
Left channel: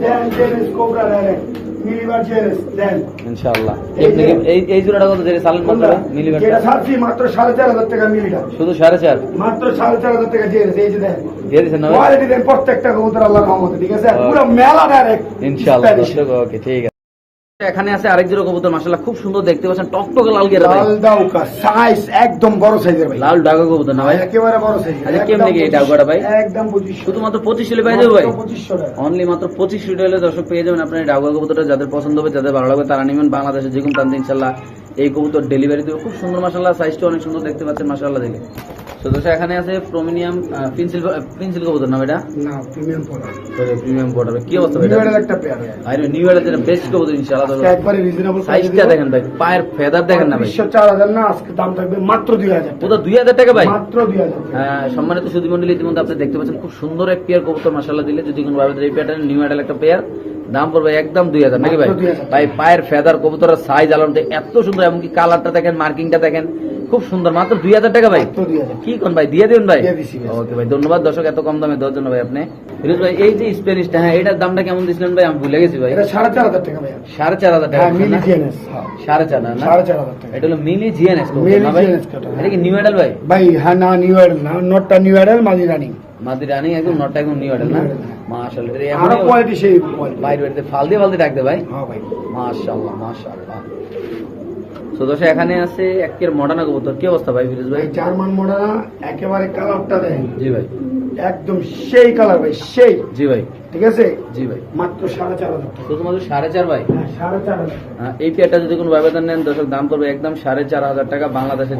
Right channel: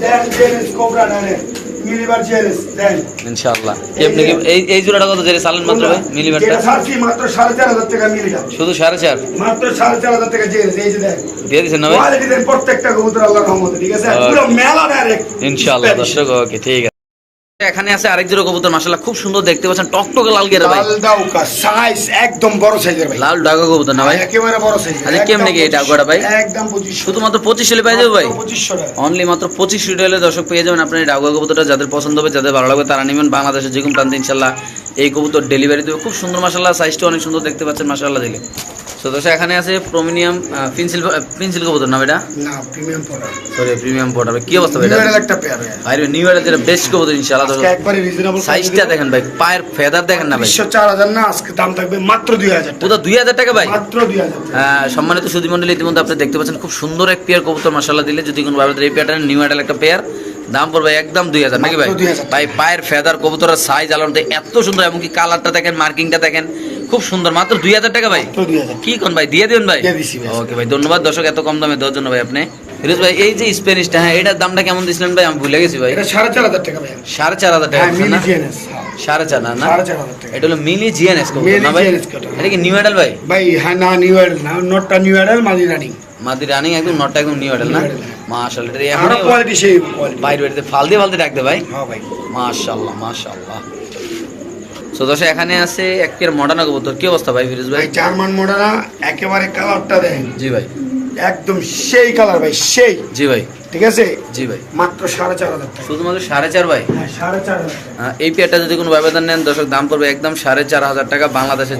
কোবরা ডাইরেক্ট মিলিবার চেয়ারেস দেন। ইনশাআল্লাহ। কেমনি কি এই এই জোড়াটা কত জেরে চালেন মাত্র ভাই মিলিবারটা? যেটা ছাড়ছি মাত্র সাড়ে চার হাজার টাকা মিলিটা। শুধু সাড়ে চার? মাত্র সাড়ে চার হাজার টাকা চেয়ারেস এই যে দেন। দিয়ে দিচ্ছেন না ভাই? কোয়ালিটি দেন প্রত্যেকটা কবুতর আল্লাহ রহমতে ঠিক আছে? পুরো মেলা ডাইরেক্ট ইনশাআল্লাহ দর্শক ওকে ঠিক আছে। এখানে আছে আরেক জোড়া কবুতর মাশাআল্লাহ খুব সুন্দর দেখতে পাচ্ছেন। টকটকে লাল গেরা ভাই। লাল ডাউকা সাইজ একদম বড় সাইজের ভাই। লাল ডাউকা কবুতর না ভাই? একেবারে বড় সাইজ কেমনে কি এই ডাউকাটা ভাই? একদম 25 শুধুমাত্র পঁচিশ হলে পাই দেব ভাই? 2500 টাকা। অনলি মাত্র পঁচিশ হলে দর্শক পেয়ে যাবেন। আপনার ডাউকা কবুতরটা যাদের পছন্দ হবে যাদের ভালো লাগবে তারা নেবেন। বাংলাদেশের যে কোনো প্রান্তে ইনশাল্লাহ এই কবুতর ডেলিভারি দেবে। খুব সুন্দর মাসাল্লাহ সাইজটা অনেক সুন্দর দেখতে পাচ্ছেন মাসাল্লাহ দেখে তো দর্শক এখানে আছে প্রমিনিয়াম পেন্সিল পেন্সিল কবুতর না এটা? না প্রিমিয়াম প্রোডাক্ট সরি প্রিমিয়াম পড়া কি অবস্থা ভাই? নিউয়ারের একটা পেয়ার ভাই। নিউ ইয়ারের যেটা বেস্ট কবুতর ইনশাল্লাহ আজকে একবারে রিজনেবল সাইজটা দেখেন ভাই পায়ের ফেদার দেখেন না ভাই। বিশ্ব চার হাজার না আজকে দাম থাকবে মাত্র দুই হাজার ওটা দুই হাজার টাকা ভাই? মাত্র দুই হাজার আহ, সম্মানিত সুদী মন্ডলী ইতিমধ্যে আপনি দেখতে পাচ্ছেন খুব সুন্দর এক পেয়ার কবুতর মাসাল্লাহ দিলে যদি কোনো ভাবে এই পেয়ারটা নিউ মডেল একটা পেয়ার দাম পড়বে একদম দুই হাজার নাকি ভাই? ভাই পায়ের ফেদার কবুতরের সাইজ আলো এত সুন্দর এমনকি কালারটা দেখেন মার্কিংটা দেখেন খুব সুন্দর। মাত্র দুই হাজার টাকা ভাই? কি কোন ভাই? দিয়ে দিন ভাই। ভাই। ওকে ভাই ধন্যবাদ। দর্শক এত কম দামে দেওয়ার জন্য ভাই আপনি ফিরোজ ভাই এই যে স্প্যানিশটা হ্যাঁ এটার দামটা কেমন দিছিলেন ভাই? আমি ভুলে গেছি ভাই। এটা সাড়ে চার হাজার টাকা ভাই। সাড়ে চার হাজার টাকা হ্যাঁ না? হ্যাঁ। সাড়ে চার না সাড়ে চার হাজার টাকা। এটা হলো মিনি জিএনএস না ভাই? এটা কি নিউ মডেল ভাই? ভাই হ্যাঁ না নিউ এডেল না নটটা নিউ এডেল মাঝি রানিং মাদি রানিং একদম নটটা একদম নিউ না? হ্যাঁ। মাশাআল্লাহ এটা এখন কোয়ালিটি সেই বাইরে দিয়ে ডাকতে ভাই। হ্যাঁ ভাই। মাশাআল্লাহ মাশাআল্লাহ। দর্শক এখানে আছে একের মডার্ন কবুতর। কি অবস্থা ভাই ফিরোজ ভাই? ভাই জার্মান মডার্না একেবারে কালারটা দেখেন। জি ভাই। একদম সেই কালার ভাই সেই। জি ভাই। ঠিক আছে? জি ভাই। মাত্র সাড়ে চার হাজার শুধুমাত্র সাড়ে চার ভাই? হ্যাঁ সাড়ে চার এই পেয়ারটা যদি কোনো ব্যবধান নেন দর্শক দাম পড়বে একদম সাড়ে চার হাজার টাকা বাংলাদেশের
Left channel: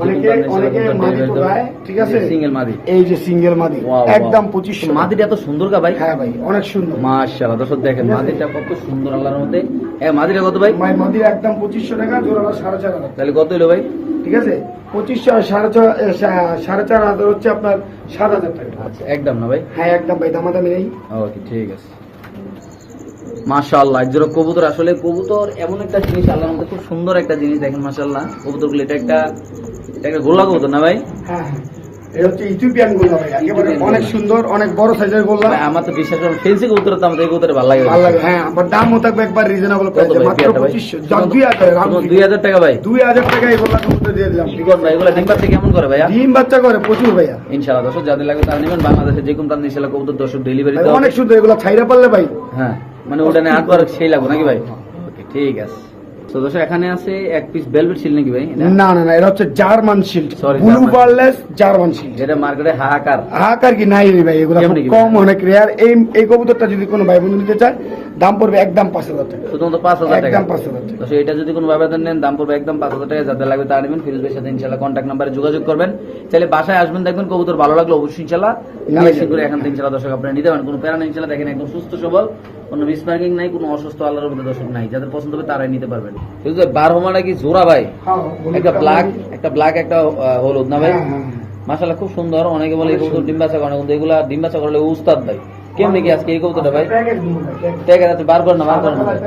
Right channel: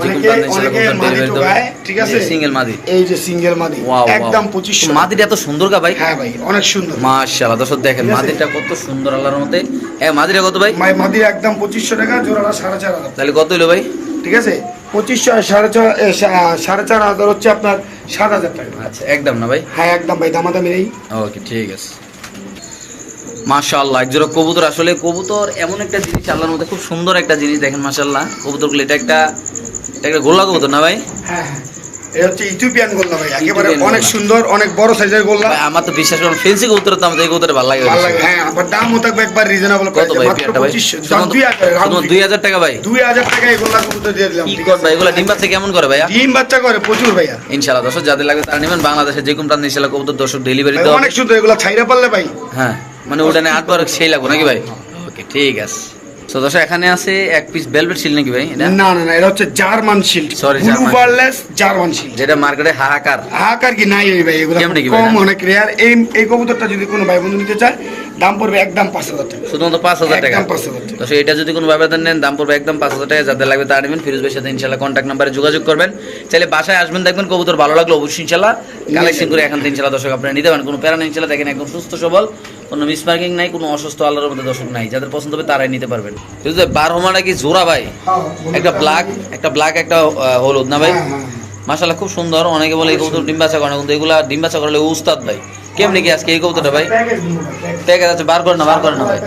ঠিক আছে? সিঙ্গেল মাদি। এই যে সিঙ্গেল মাদি একদম পঁচিশশো মাদিটা এত সুন্দর গা ভাই। হ্যাঁ ভাই অনেক সুন্দর। মাশাআল্লাহ দর্শক দেখেন মাদিটা কত সুন্দর আল্লাহর মতে মাদিটা কত ভাই? মাদি একদম পঁচিশশো টাকা জোড়াটা সাড়ে চার হাজার তাহলে কত হলো ভাই? ঠিক আছে? পঁচিশশো সাড়ে ছয় সাড়ে চার হাজার হচ্ছে আপনার সাত হাজার টাকা। আচ্ছা একদম না ভাই? হ্যাঁ একদম ভাই দামাদামি নেই। ওকে ঠিক আছে। মাশাল্লাহ একজোড়া কবুতর। আসলে কবুতর এমন একটা জিনিস আল্লাহর মধ্যে খুব সুন্দর একটা জিনিস দেখেন মাশাল্লাহ কবুতরগুলো এটা একটা এটা একটা গোল্লা কবুতর না ভাই? হ্যাঁ হ্যাঁ। এটা হচ্ছে ইথিওপিয়ান গোল্লা ভাই একেবারে অনেক সুন্দর অনেক বড় সাইজের গোল্লা। আমার তো বিশ্বাস করেন ফেন্সি কবুতর তো আমাদের এই কবুতর ভালো লাগে। ভালো লাগে হ্যাঁ আবার দামও থাকবে একবার রিজনেবল কত ভাই মাত্র পেয়ারটা ভাই? পঁচিশশো শুধুমাত্র- দুই হাজার round শুধুমাত্র figure। দুই হাজার। টাকা ভাই। দুই হাজার টাকা এই গোল্লা কবুতর দিয়ে দিলাম ঠিক করবে? আছে এগুলা ডিম বাচ্চা কেমন করে ভাইয়া? ডিম বাচ্চা করে প্রচুর ভাইয়া। ইনশাআল্লাহ দর্শক যাদের লাগে তারা নেবেন। বাংলাদেশের যে কোনো প্রান্তে ইনশাআল্লাহ কবুতর দর্শক ডেলিভারি অনেক সুন্দর এগুলা ছাইরা পারলে ভাই। হ্যাঁ মানে ওটা নিয়ে আটবার সেই লাগবে নাকি ভাই? ওকে ঠিক আছে। তো দর্শক এখানে আছে এক পিস বেলভেট শিল নাকি ভাই না না না এটা হচ্ছে German shield Sorry, blue. Barless German shield যেটা মার্কেটে হাহাকার। হাহাকার কি নাই ভাই এগুলো কম অনেক রেয়ার এই এই কবুতরটা যদি কোনো ভাই বন্ধু নিতে চায় দাম পড়বে একদম পাঁচ হাজার টাকা। শুধুমাত্র পাঁচ হাজার টাকা? পাঁচ হাজার টাকা। তো এটা যদি কোনো ব্যবধান নেন দাম পড়বে একদম পাঁচ হাজার টাকা। যাদের লাগবে নেবেন। ফিরোজ ভাইয়ের সাথে ইনশাল্লাহ কন্ট্যাক্ট নাম্বারে যোগাযোগ করবেন। চাইলে বাসায় আসবেন দেখবেন কবুতর ভালো লাগল অবশ্যই ইনশাল্লাহ কালেকশন করে এখান থেকে ইনশাল্লাহ দর্শক আপনারা নিতে পারেন। কোনো প্যারা নেই ইনশাল্লাহ দেখেন একদম সুস্থ সবল কোনো মিসমার্কিং নাই কোনো অসুস্থ আল্লাহর মধ্যে দর্শক নাই। যাদের পছন্দ হবে তারাই নিতে পারবেন। ফিরোজ ভাই বার হোমাটা কি জোড়া ভাই? হ্যাঁ, একটা ব্ল্যাক একটা ব্ল্যাক একটা হলুদ না ভাই? হ্যাঁ, হ্যাঁ, খুব সুন্দর। অনেকে বলে এই কবুতর ডিম বাচ্চা করে না কিন্তু এগুলা ডিম বাচ্চা করলে উস্তাদ ভাই। কেমনি কি আজকে এই কবুতরটা ভাই? প্যাকেজ আছে, বার করে না বার করে না ভাই।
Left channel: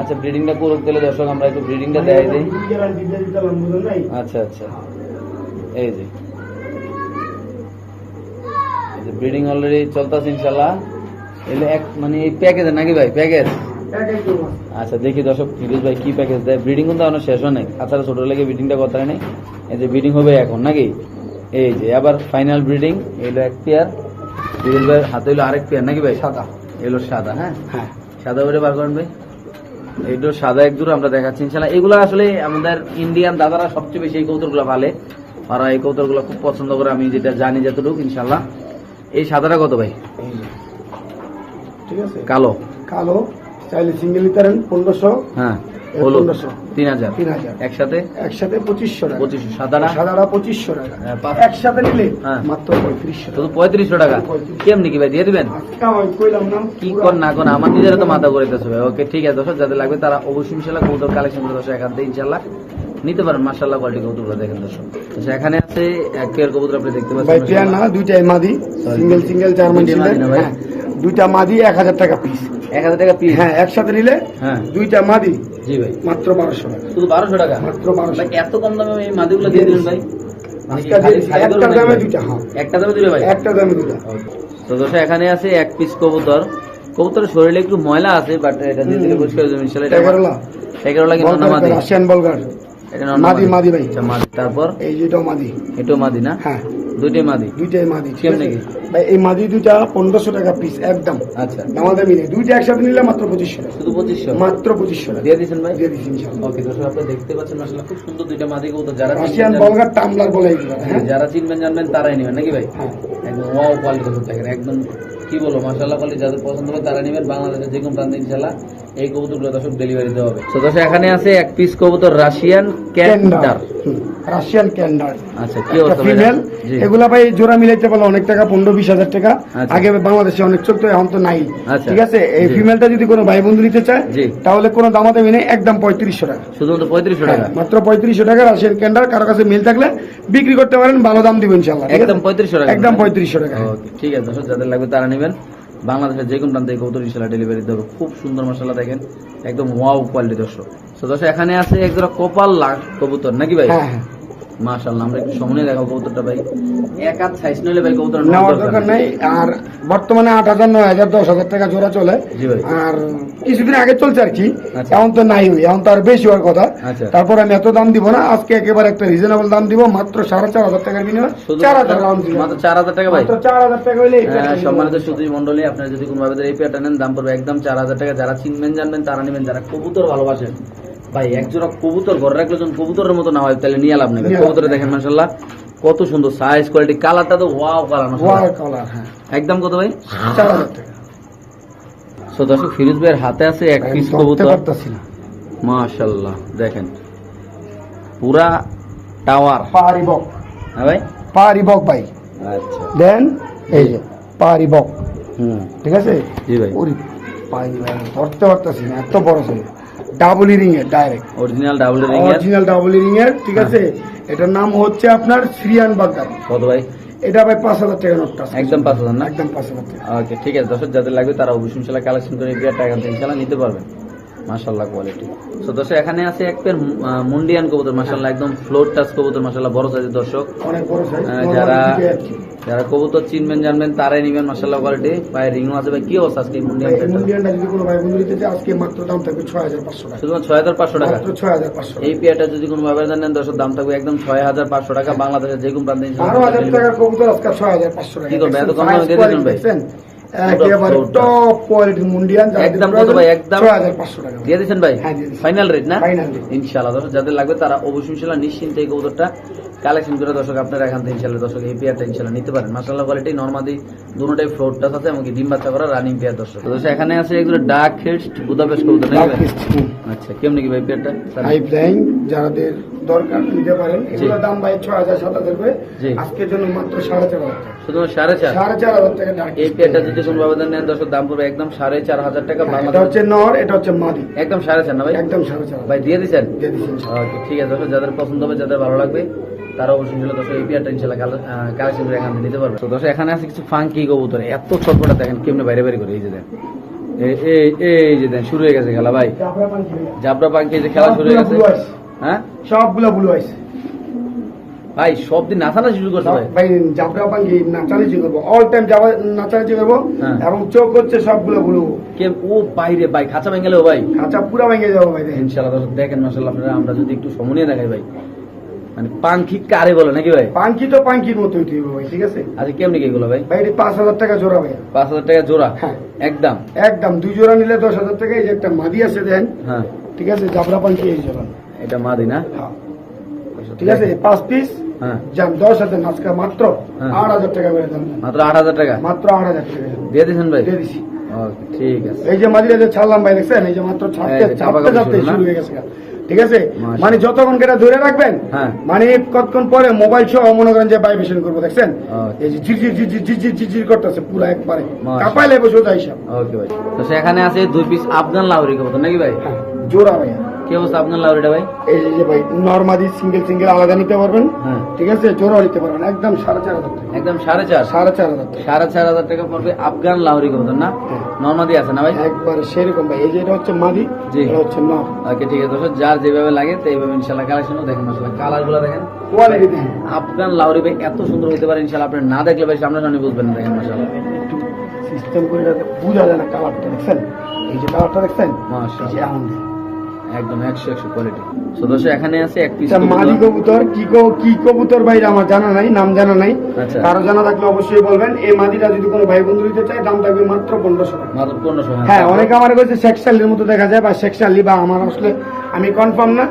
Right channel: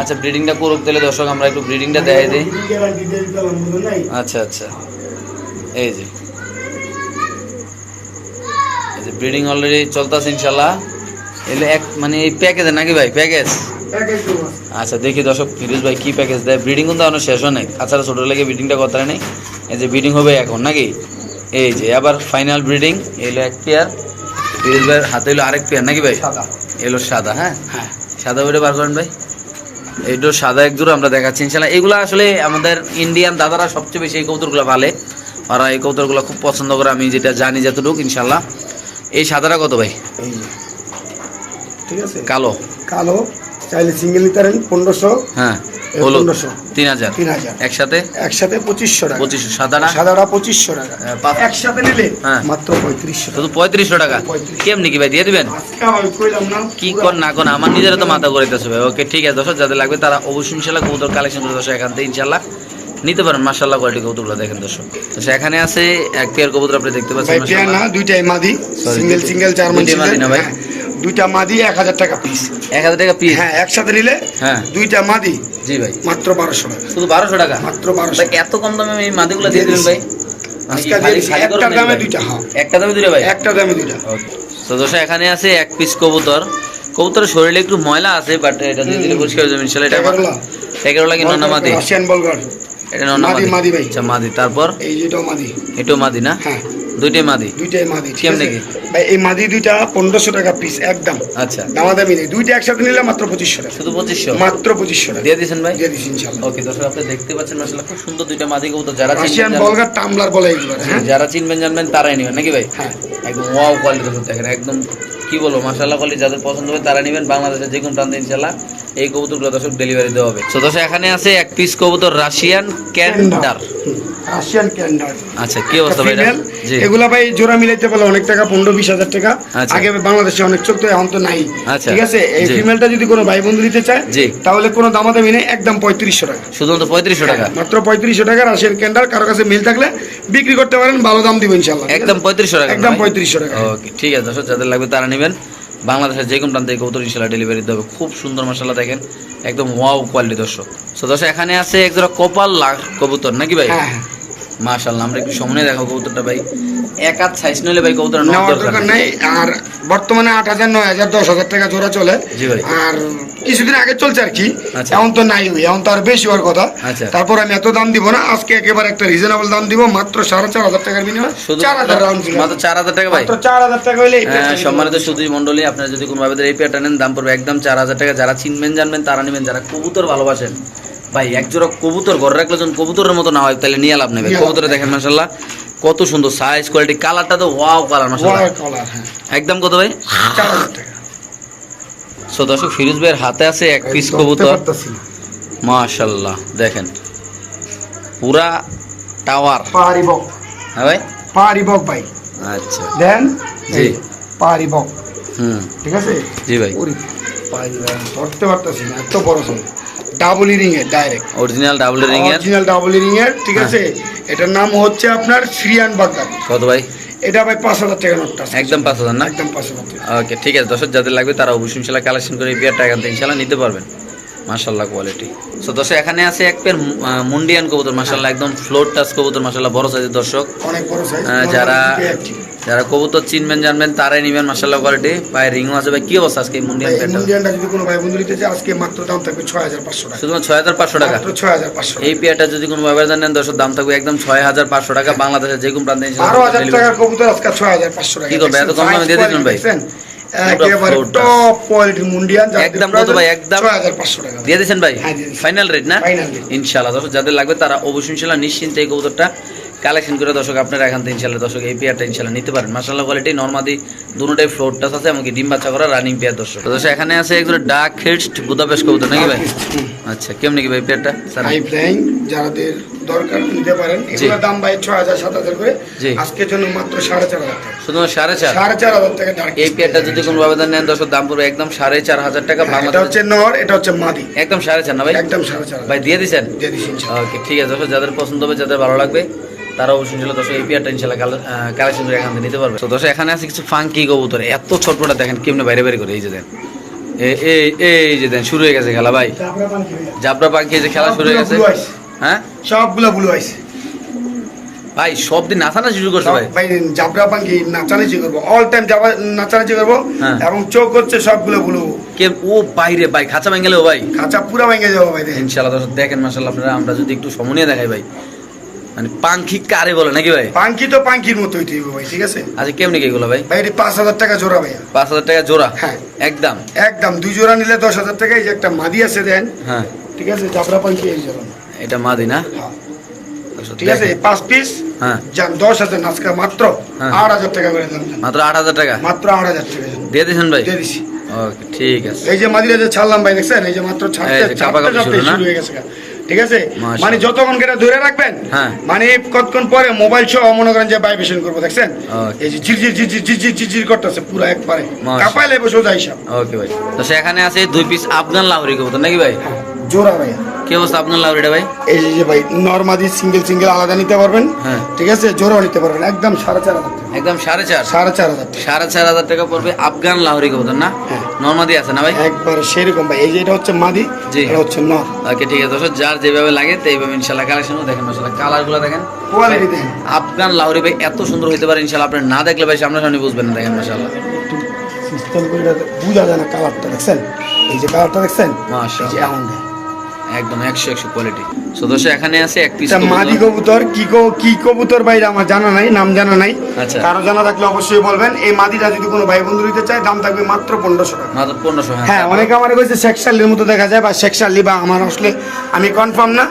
আচ্ছা ব্রিডিংটা করুক তাহলে দর্শক, আমরা একটু ব্রিডিংটা দেখাই দিই? আচ্ছা আচ্ছা। এই যে। এই যে ব্রিডিং অলরেডি চলতেছে ইনশাল্লাহ। এলে এক মানে এই প্যাকেজ নাকি ভাই প্যাকেজ আচ্ছা দেখি দর্শক, ফিরোজ ভাই কি প্যাকেজ দেয়। ব্রিডিং কিন্তু এখনও শেষ হয় নাই। তাছাড়া ছোটো লেগে ব্রিডিংটা করতে নেই এই যে ব্রিডিং হবে এখন, নাকি? এই যে, আবার ফাইনাল ব্রিডিং এলো এক পেয়ার ফিরোজ ভাইয়ের হাতে এলো আরেক পেয়ার নাকি ভাই? সাদা। এলো সাদা হ্যাঁ? হ্যাঁ। সাদা ওইটা বার করেন ভাই। এইটো সাদা এক জোড়া আমরা দেখাচ্ছি ইনশাল্লাহ এগুলো আসলে আমাদের ইন্ডিয়ান দাদারা সবচেয়ে বেশি এই কৌতরগুলো ভালে ওরা এই কৌতরগুলো খুব পছন্দ করে আমি যেটা জানি যতটুকু ইনশাল্লাহ এই সাদাটা কত ভাই? ঠিক আছে। কালো। কালো চাইলে সিঙ্গেল নিতে পারেন পনেরোশো। হ্যাঁ। হলুদ তিন হাজার। তিন হাজার। একসাথে? একসাথে পঁচিশশো টাকা। পঁচিশশো সাদাটা সাদাটা পঁচিশশো টাকা। হ্যাঁ, একসাথে নিলে হ্যাঁ। মাত্র পঁয়ত্রিশশো শুধু পঁয়ত্রিশশো টাকা? কেমনি কি ভাই দিয়ে দিবেন? কি কর না কর আমার নিজেরও তো মাথা করে দিতেছে ভাই। ওকে ঠিক আছে দর্শক যাদের লাগবে তারা অবশ্যই ইনশাল্লাহ কবুতর কালেকশন করে দর্শক এখান থেকে ইনশাল্লাহ নিতে পারেন। মার্শাল্লাহ কোয়ালিটি কবুতরগুলো দেখেন দর্শক। তো এখানে আছে এক পেয়ার কবুতর আপনি দেখতে ভাই পাচ্ছেন পেয়ার না মাশাআল্লাহ। দুইটাই। মাদি সিঙ্গেল সিঙ্গেল জার্মান দুইটাই হ্যাঁ দুইটা মাদি এক হাজার টাকা পিস এক হাজার টাকা পিস হ্যাঁ একসাথে নিলে হ্যাঁ। দুইটা মাদি জি ভাই। মাত্র বারোশো টাকা। শুধু বারোশো টাকা? মাত্র বারোশো এত কম দামে এই মাদিগুলো দিয়ে দিবেন ভাই? আজকে একটা দামে দুইটা হ্যাঁ। একটা দামে ভাই? একটা দামে দুইটা। তো দোষা এখানে আছে এক পিস কবুতর। কবুতরের শরীরে একটু ময়লা আছে বাট এটা দিয়ে দিলে পরিষ্কার হয়ে যাবে ইনশাল্লাহ এটা এগারোলা। এগারোলা কি নন্না মাদি রাশিয়ান বলগার এটা নন্না মাদি, মাদি ভাই। আচ্ছা মাদি। তারপর? এই যেটাও মাদি। এটাও মাদি না? হ্যাঁ। দুইটাই মাদি? দুইটাই মাদি কেমনে কি? ভাই এই মাদি দুইটা পনেরোশো টাকা পিস একদম। আচ্ছা। দামাদামি নেই। দুইটা একসাথে নিলে মাত্র পঁচিশশো টাকা। শুধু পঁচিশশো? মাত্র পঁচিশশো টাকা। দিয়ে দিয়েছেন ভাই? দিয়ে ইনশাল্লাহ ওকে দর্শক আপনি দেখতে পাচ্ছেন মাসাল্লাহ খুব সুন্দর দুইটা মাদি কবুতর। যারা রাশিয়ান চিনবেন বলগার টামলার বলে হ্যাঁ? যারা চিনবেন জানবেন তারাই নেবেন নাকি ভাই? হ্যাঁ। একদম ওয়াও কবুতর দেখেন একদম কি বলব মাসাল্লাহ কোয়ালিটি যাদের পছন্দ হবে তারা নেবেন। বাংলাদেশের যে কোনো প্রান্তে ইনশাল্লাহ এই কবুতরগুলো দর্শক ডেলিভারি দেওয়া হবে। তো দর্শক এখানে আছে এক পিস কবুতর রাশিয়ান ক্যান্ডার রাশিয়ান ক্যান্ডার আচ্ছা কি অবস্থা ভাই জি। এগুলা ভাই জোড়া মিলাইতে পারলে অনেক টাকা পনেরো বিশ হাজার টাকা। আচ্ছা। আগে বাংলাদেশে অনেক চলতো এখন তো নাই। আচ্ছা। ঠিক আছে? এই ফিমেলটা যদি কোনো ভাই বন্ধু নিতে চায় জি। তাহলে কোনো দামাদামি নেই একদম পঁয়ত্রিশশো টাকা। শুধুমাত্র পঁয়ত্রিশশো টাকা? হ্যাঁ, মাত্র পঁয়ত্রিশশো টাকা রাশিয়ান ক্যান্ডার কারও কাছে মিল থাকলে বিক্রি করতে পারেন ভালো দাম দিবেন ইনশাল্লাহ একদম পঁয়ত্রিশশো টাকা একদম? পঁয়ত্রিশশো টাকা। ওকে ঠিক আছে দর্শক যাদের লাগবে তারা নেবেন। বাংলাদেশের যে কোনো প্রান্তে কৌতুর কবুতর ইনশাল্লাহ ডেলিভারি দেবে খুব সুন্দর মশলা দেখেন। একদম ওয়াও কোয়ালিটি দর্শক। তো দর্শক, এখানে আছে এক জোড়া কপাল কবুতর, নাকি ভাই? মাশাল্লাহ আমরা একটু সামনে কবুতরটা ভাই। এক হাত সাইজ নিলে ভাই কবুতর নেওয়ার দরকার নেই। আর বর্তমানে টাকা জোড়া চলে। আর কিছুদিন আগে চলছে আর কি। আচ্ছা। এখন তো নাই এখন তো আর বেশি হওয়ার কথা। আচ্ছা। তারপর আমি এত দাম দিব না আজকে একেবারে একটা রিজনেবল দাম দিব মাত্র সাড়ে চার হাজার টাকার বিনিময়ে শুধু চার হাজার রাউন্ড মাত্র চার হাজার টাকা ভাই। মাত্র টাকা হইলে হ্যাঁ, সম্মানিত। সুধী আপনারা যদি কোনো ভাবে এই পেয়ারটা নেন দাম পড়বে একদম চার হাজার টাকা। যারা চিনবেন জানবেন তারা নেবেন। যারা কবুতর ভালোবাসেন ভাই এক জোড়া কবুতর ঘরে রাখলে যখন কবুতরের মতো না হয় তাহলে নিয়ে লাভ নেবে কবুতরে দেখেন মাসাল্লাহ কত সুন্দর সাইজ কোয়ালিটি কালারটা তো ওয়াও কালার মাসাল্লাহ হ্যাঁ। একদম কত ভাই? সো দর্শক ফিরোজ ভাইয়ের হাতে আছে এক পিস কবুতর। মাশাল্লাহ দেখেন। পুরা টাওয়ার। পাহাড়ি বক। হ্যাঁ ভাই? পাহাড়ি বক ভাই। আচ্ছা। দেন এই। পাহাড়ি বক। হুম। ঠিক আছে? জি ভাই। ধরতে পারতাছি এত বড় ছিল ডাবল এর ডাইরেক্ট অরিজিনাল ডাবল রিং এর? অরিজিনাল ডাবল এর ঠিক আছে? এটার নাম হচ্ছে আপনার সিরিয়ান বাগদাদ কত ভাই? এটা ভাই পাঁচ হাজার টাকা নোটটা একদম পাঁচ হাজার না? একদম পাঁচ হাজার ওকে ঠিক আছে। দর্শক যাদের লাগবে তারা অবশ্যই ইনশাল্লাহ কালেকশন করে এখান থেকে ইনশাল্লাহ নিতে পারবেন। মাশাল্লাহ কোয়ালিটি সো দর্শক এখানে আছে এক পেয়ার মুন্ডিয়ান কবুতর মাশাল্লাহ একদম ফ্লোর টাচ কবুতর মাশাল্লাহ বড় সাইজের দর্শক। অনেক বড় সাইজ যারা- যারা কবুতর চিনবেন জানবেন তারাই নিবেন মাশাল্লাহ কোয়ালিটি পায়ে রিংও আছে ভাই কি অবস্থা আজকে মুন্ডিয়ান পেয়ারটা ইন্ডিয়ানটা যদি কোনো ভাই বন্ধু নিতে চায় আজকে মাত্র দাম থাকবে ছয় হাজার পাঁচশো টাকা শুধুমাত্র ছয় হাজার পাঁচশো টাকা মাত্র ছয় হাজার পাঁচশো এই পেয়ারটা যদি কোনো ব্যবহার নেন দর্শক দাম থাকবে একদম ছয় হাজার পাঁচশো টাকা বাংলাদেশের যে কোনো প্রান্তে বারো হাজার টাকার কবুতর আজকে ছয় হাজার পাঁচশো টাকা কি করবে? এত কম দামে দিয়ে দিবেন ভাই? একেবারে টপ কোয়ালিটির মুন্ডিয়ান একদম কত ভাই? একদম? ছয় হাজার পাঁচশো টাকা দিয়ে দিয়েছেন ভাই হ্যাঁ। ফাইনাল রেট না। ইনশাআল্লাহ যাদের লাগবে তারা অবশ্যই ইনশাল্লাহ নিশ্চিন্তে এই কবুতরটা কালেকশন করে দর্শক আপনারা এখান থেকে ইনশাল্লাহ দর্শক এই পেয়ারটা ইনশাল্লাহ নিতে পারেন। মাসাল্লাহ কোয়ালিটি নর্মাদি দুটোটাই ফ্লোর টাচ আছে এমনকি ডিম বাচ্চা করা রানিং পেয়ার দর্শক। দর্শক এখানে আছে একজন ডাক হেডস্ট বুদাপেশ কবুতর নাকি ভাই? আচ্ছা কেমন কি ভাই পেয়ারটা স্যার হাই ফ্লাইং যাদের দরকার নিতে পারেন। এগুলোর দাম ভাই ছয় হাজার সাত হাজার করে। আজকের জন্য মাত্র সাড়ে চার হাজার শুধু সাড়ে চার? সাড়ে চার হাজার টাকা এই পেয়ারটা যদি কোনো ব্যবধান নেন দর্শক দাম পড়বে একদম সাড়ে চার হাজার টাকা এটা হচ্ছে নর এটা হচ্ছে মাদি। একদম সাড়ে চার না ভাই? একদম সাড়ে চার। ভাই দিয়ে দিছেন? দিয়ে দিচ্ছি ইনশাল্লাহ। ওকে ঠিক আছে দর্শক যাদের পছন্দ হবে যাদের ভালো লাগবে তারা অবশ্যই দর্শক এই পেয়ারটা ইনশাল্লাহ কালেকশন করে এখান থেকে নিতে পারবে। তো দর্শক এখানে আছে কিছু ফাঙ্কি কবুতর এত ছোটটা দেখেন কেমনে বাইরে বাইরে করে এই যে দেন। এই এই যে দেন শুরু হয়ে গেছে খেলা ভাই। জাবরা পাখি যে খেলা শুরু হয়ে গেছে। হ্যাঁ? সবগুলো ব্লু ভাই সব দিন নাচানা শুরু করছে ভাই। ভাই জাবরা করব। অল টাইম যাবা নাচানাচি করব। হ্যাঁ। এবং চোখ হচ্ছে সবগুলো কে ও বাইরে ভাই খাঁচা ভেঙে ভাই। খাঁচা পুরা ভেঙে যাব ভাই দেখেন। আপনারা আমরা যদি একটু সমনীয় দেখাই ভাই। মানে পাঙ্খি কারে বলে নাকি ভাই? পাঙ্কি তো পাঙ্কির মতো হইতে হইব ভাই ঠিক আছে? আচ্ছা কেমনি কি এগুলো ভাই? ভাই এটি পাঁচ হাজার টাকা জোড়া ভাইয়া। পাঁচ হাজার টাকা জোড়া? হ্যাঁ। একদম? একদম দুই জোড়া নিলে দশ হাজার টাকা এই যে একটা মাদি আছে দেন। হ্যাঁ। ঠিক আছে জাবরা পাঙ্কি এই জোড়া। এটা মাদি না? হ্যাঁ। ঠিক আছে পাঁচ পিস হ্যাঁ। যান দশ হাজার নাচকা মাত্র হ্যাঁ। আট হাজার টাকা করে দাম। মাত্র আট হাজার টাকা? মাত্র আট হাজার টাকা। দিয়ে দিয়েছেন ভাই? দিয়ে দিছি। ওকে ঠিক আছে। এই যে মাদিরা যে ছাড়লাম ভাই দেখছেন? এই যে মাত্র ছাড়তে ছাড়তে শুরু হয়ে গেছে ঠিক আছে? মানে যতক্ষণ কেটা ধরে রাখবেন হ্যাঁ। মানে কতক্ষণ পরে মোবাইল সহ মনে করেন যে ভাইব্রেশন করব দেখছেন. এই যে ঝিরঝির ঝিরঝির ঝিরঝির ঝিরঝির করতেছে পুরো একবারে। কাপাইলে বসে যায় হিসাব। ওকে ভাই। তো সেখানে আছে দুই পিস আফগান লাউরি কবুতর নাকি ভাই? জোড়া ভাই কি অবস্থা লাউরিটা ভাই? এই যে ভাই নর্মাদি সিঙ্গেল সিঙ্গেল আলাদা নিতে পারবেন। হ্যাঁ। ঠিক আছে? জোড়া নিতে পারবেন। একদম সাড়ে চার হাজার একদম সাড়ে চার? সাড়ে চার হাজার সাড়ে চার হাজার টাকা পড়বে আফগান লাউরি কবুতর না? হ্যাঁ। নর্মাদি আছে না ভাই? একবার সেরকম ভাই। এই যে এটা হচ্ছে মাদি জি। এটা হচ্ছে নর ওকে ঠিক আছে। দর্শক যার যেভাবে লাগে তো এইভাবে ইনশাল্লাহ দেখেন কালারগুলো দেখেন। কোয়ালিটি দেখেন। আফগান লাউরি ভাই এত সুন্দর হতে পারে ইনশাল্লাহ আপনি না দেখলে ভাই সামনে সামনে বুঝবেন না দেখেন সিস্টেম করে এটা যায় না কালারটা দেখছেন? এই যে কালারটা দেখছেন? মাশাআল্লাহ। একদম একশো একশো কোয়ালিটি সো দর্শক এখানে আছে এক পিস মাদি কবুতর কি কো- কি কবুতর ভাই আমার জানা নাই নাম জানা নাই আচ্ছা। কারও জানা থাকলে অবশ্যই বলবেন এই মাদিটা যদি কোনো ভাই বন্ধু নিতে চায় দাম থাকবে মাত্র পনেরোশো টাকা মাত্র পনেরোশো হ্যাঁ হ্যাঁ? অনেকে আমার কাছে সেকশালির মতো দেখা যায় বা সেকশালি বা আমার আসলে আমি কনফার্ম না।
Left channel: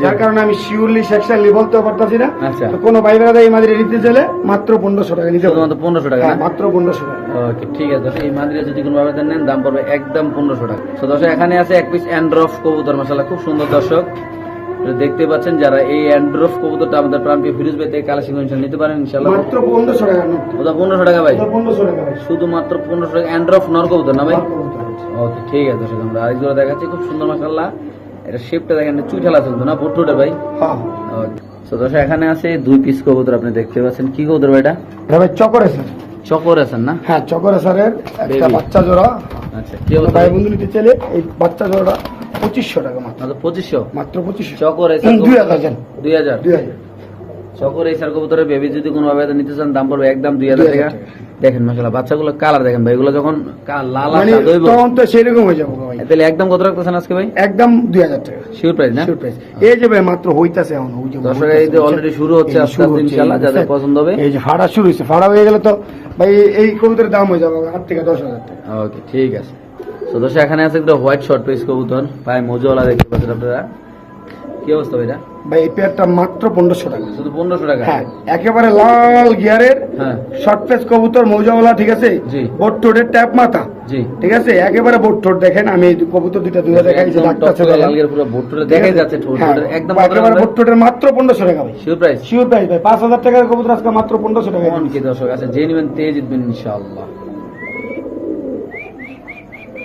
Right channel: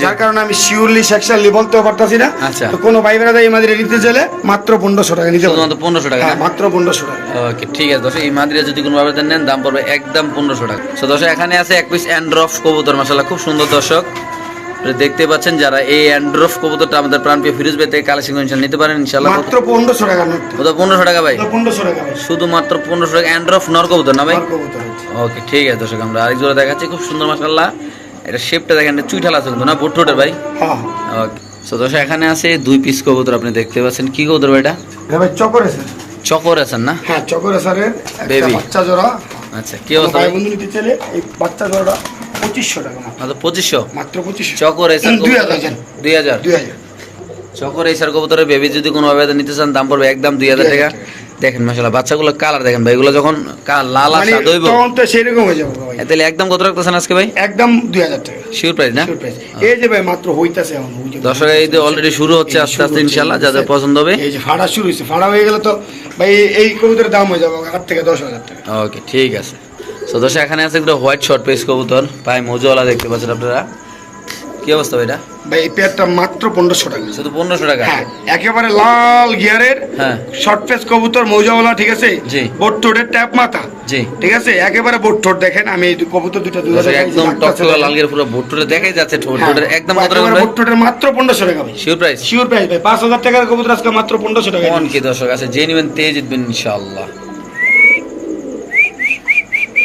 যার কারণে আমি শিওরলি সেকশালি বলতেও পারতাছি না। আচ্ছা। তো কোনো ভাই এই মাদিরে নিতে চাইলে মাত্র পনেরোশো টাকা নিতে শুধুমাত্র পনেরোশো টাকা হ্যাঁ মাত্র পনেরোশো টাকা। ওকে ঠিক আছে দর্শক এই মাদিরা যদি কোনো নেন দাম পড়বে একদম পনেরোশো টাকা। সো দর্শক এখানে আছে এক পিস অ্যান্ড্রফ কবুতর খুব সুন্দর দর্শক। দেখতে পাচ্ছেন যারা এই অ্যান্ড্রফ কবুতরটা আমাদের প্রাণপ্রিয় ফিরোজ ভাই থেকে কালেকশন নিতে পারেন ইনশাল্লাহ মাত্র পনেরোশো টাকা ওটা পনেরোশো টাকা ভাই? পনেরোশো টাকা শুধুমাত্র পনেরোশো টাকা অ্যান্ড্রফ নর কবুতর না ভাই। ওকে ঠিক আছে দর্শক আমরা আরেক জোড়া দেখাচ্ছি খুব সুন্দর মাসাল্লাহ এটা শেপটা দেখেন এটা চুইঠাল আছে কিন্তু না ভুট্টোটা ভাই? হ্যাঁ। ওকে দর্শক এখানে আছে দুই পিস কবুতর আপনি দেখতে পাচ্ছেন। কি কবুতর ভাই এটা? হ্যাঁ ভাই চকর আছে চকর আছেন না? হ্যাঁ চকর একটা বাচ্চা জোড়া। আচ্ছা কি অবস্থা ভাই? বন্ধু নিতে চাইলে এই বাচ্চা জোড়াটা পঁচিশশো টাকা মাত্র। মাত্র পঁচিশশো? মাত্র পঁচিশশো। চকর দুই হাজার। দুই হাজার? চকর এসার কবুতরের বেবি যদি কোনো ভাবে নিতে চান দাম পড়বে একদম দুই হাজার 2000 টাকা। দেখেন মাসাল্লাহ বাচ্চাগুলো কালার দেখেন ভাই এগুলো যখন লাল মানে তখন তো সেরকম হয়ে যাবে ভাই। তাহলে একদম কত রাখতেছেন আজকে ভাই? একদম দুই হাজার টাকা। শিওর প্রাইস না? এই যে ভাই মাত্র হইতাছে এখন ওই দর্শক এই যে অলরেডি শুরু হচ্ছে আস্তে আস্তে এই যাদের পছন্দ হবে। এই যে ফাড়া শুরু হয়েছে ফাড়া হয়ে গেলে তো ভাই এই- কবুতরের দাম হয়ে যাবে আট থেকে দশ হাজার টাকা। ওকে ঠিক আছে। তো দর্শক এখানে আছে একটা হোয়াইট শর্ট পেস কবুতর পায়ে মজুওয়ালা দেখতে পাচ্ছেন আপনারা। কি অবস্থা ভাই এটা? ভাই এই পেয়ারটা মাত্র পনেরোশো টাকা। শুধু পনেরোশো টাকা? হ্যাঁ একেবারে লাল গিয়ারের হ্যাঁ। শর্ট ফেস কবুতর মৌজাওয়ালা ঠিক আছে? জি। বোট ট্যাপ মাথা। জি। ঠিক আছে? একেবারে বোট টোট দেখেন আমি এই কবুতর দুটো দুটো দেখাই একদম টকটকা লাল গের পুরো ভুট্টুরে দেখাই যাচ্ছে ঠোঁট হ্যাঁ, ঠোঁটের একদম একেবারে বোট টোটের মাত্র পনেরোশো টাকা ভাই। শিওর প্রাইস শিওর প্রাইস ভাই পাঁচ হাজার টাকার কবুতর আজকে মাত্র পনেরোশো টাকা কোন কি দর্শক আছে যে নেবেন তেজ জিতবেন ইনশাআল্লাহ।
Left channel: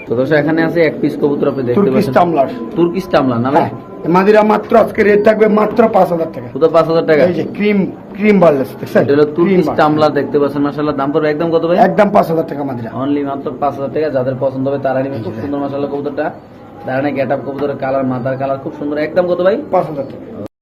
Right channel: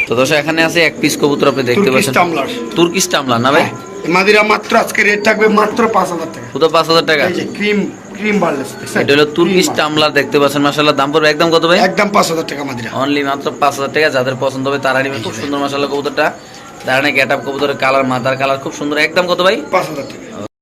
তো দর্শক এখানে আছে এক পিস কবুতর আপনি দেখতে পাচ্ছেন। টামলার। তুর্কিশ টামলা না ভাই? হ্যাঁ মাদিরা মাত্র আজকে রেট থাকবে মাত্র পাঁচ হাজার টাকা। শুধু পাঁচ হাজার টাকা? এই যে ক্রিম ক্রিম বার্লেস এটা হলো তুর্কিশ টামলা দেখতে পাচ্ছেন মাসাল্লাহ দাম পড়বে একদম কত ভাই? একদম পাঁচ হাজার টাকা মাদিরা। অনলি মাত্র পাঁচ হাজার টাকা যাদের পছন্দ হবে তারা নেবে। খুব সুন্দর মাসাল্লাহ কবুতরটা। দাঁড়ানে গেট আপ কবুতরের কালার মাথার কালার খুব সুন্দর। একদম কত ভাই? পাঁচ হাজার টাকা।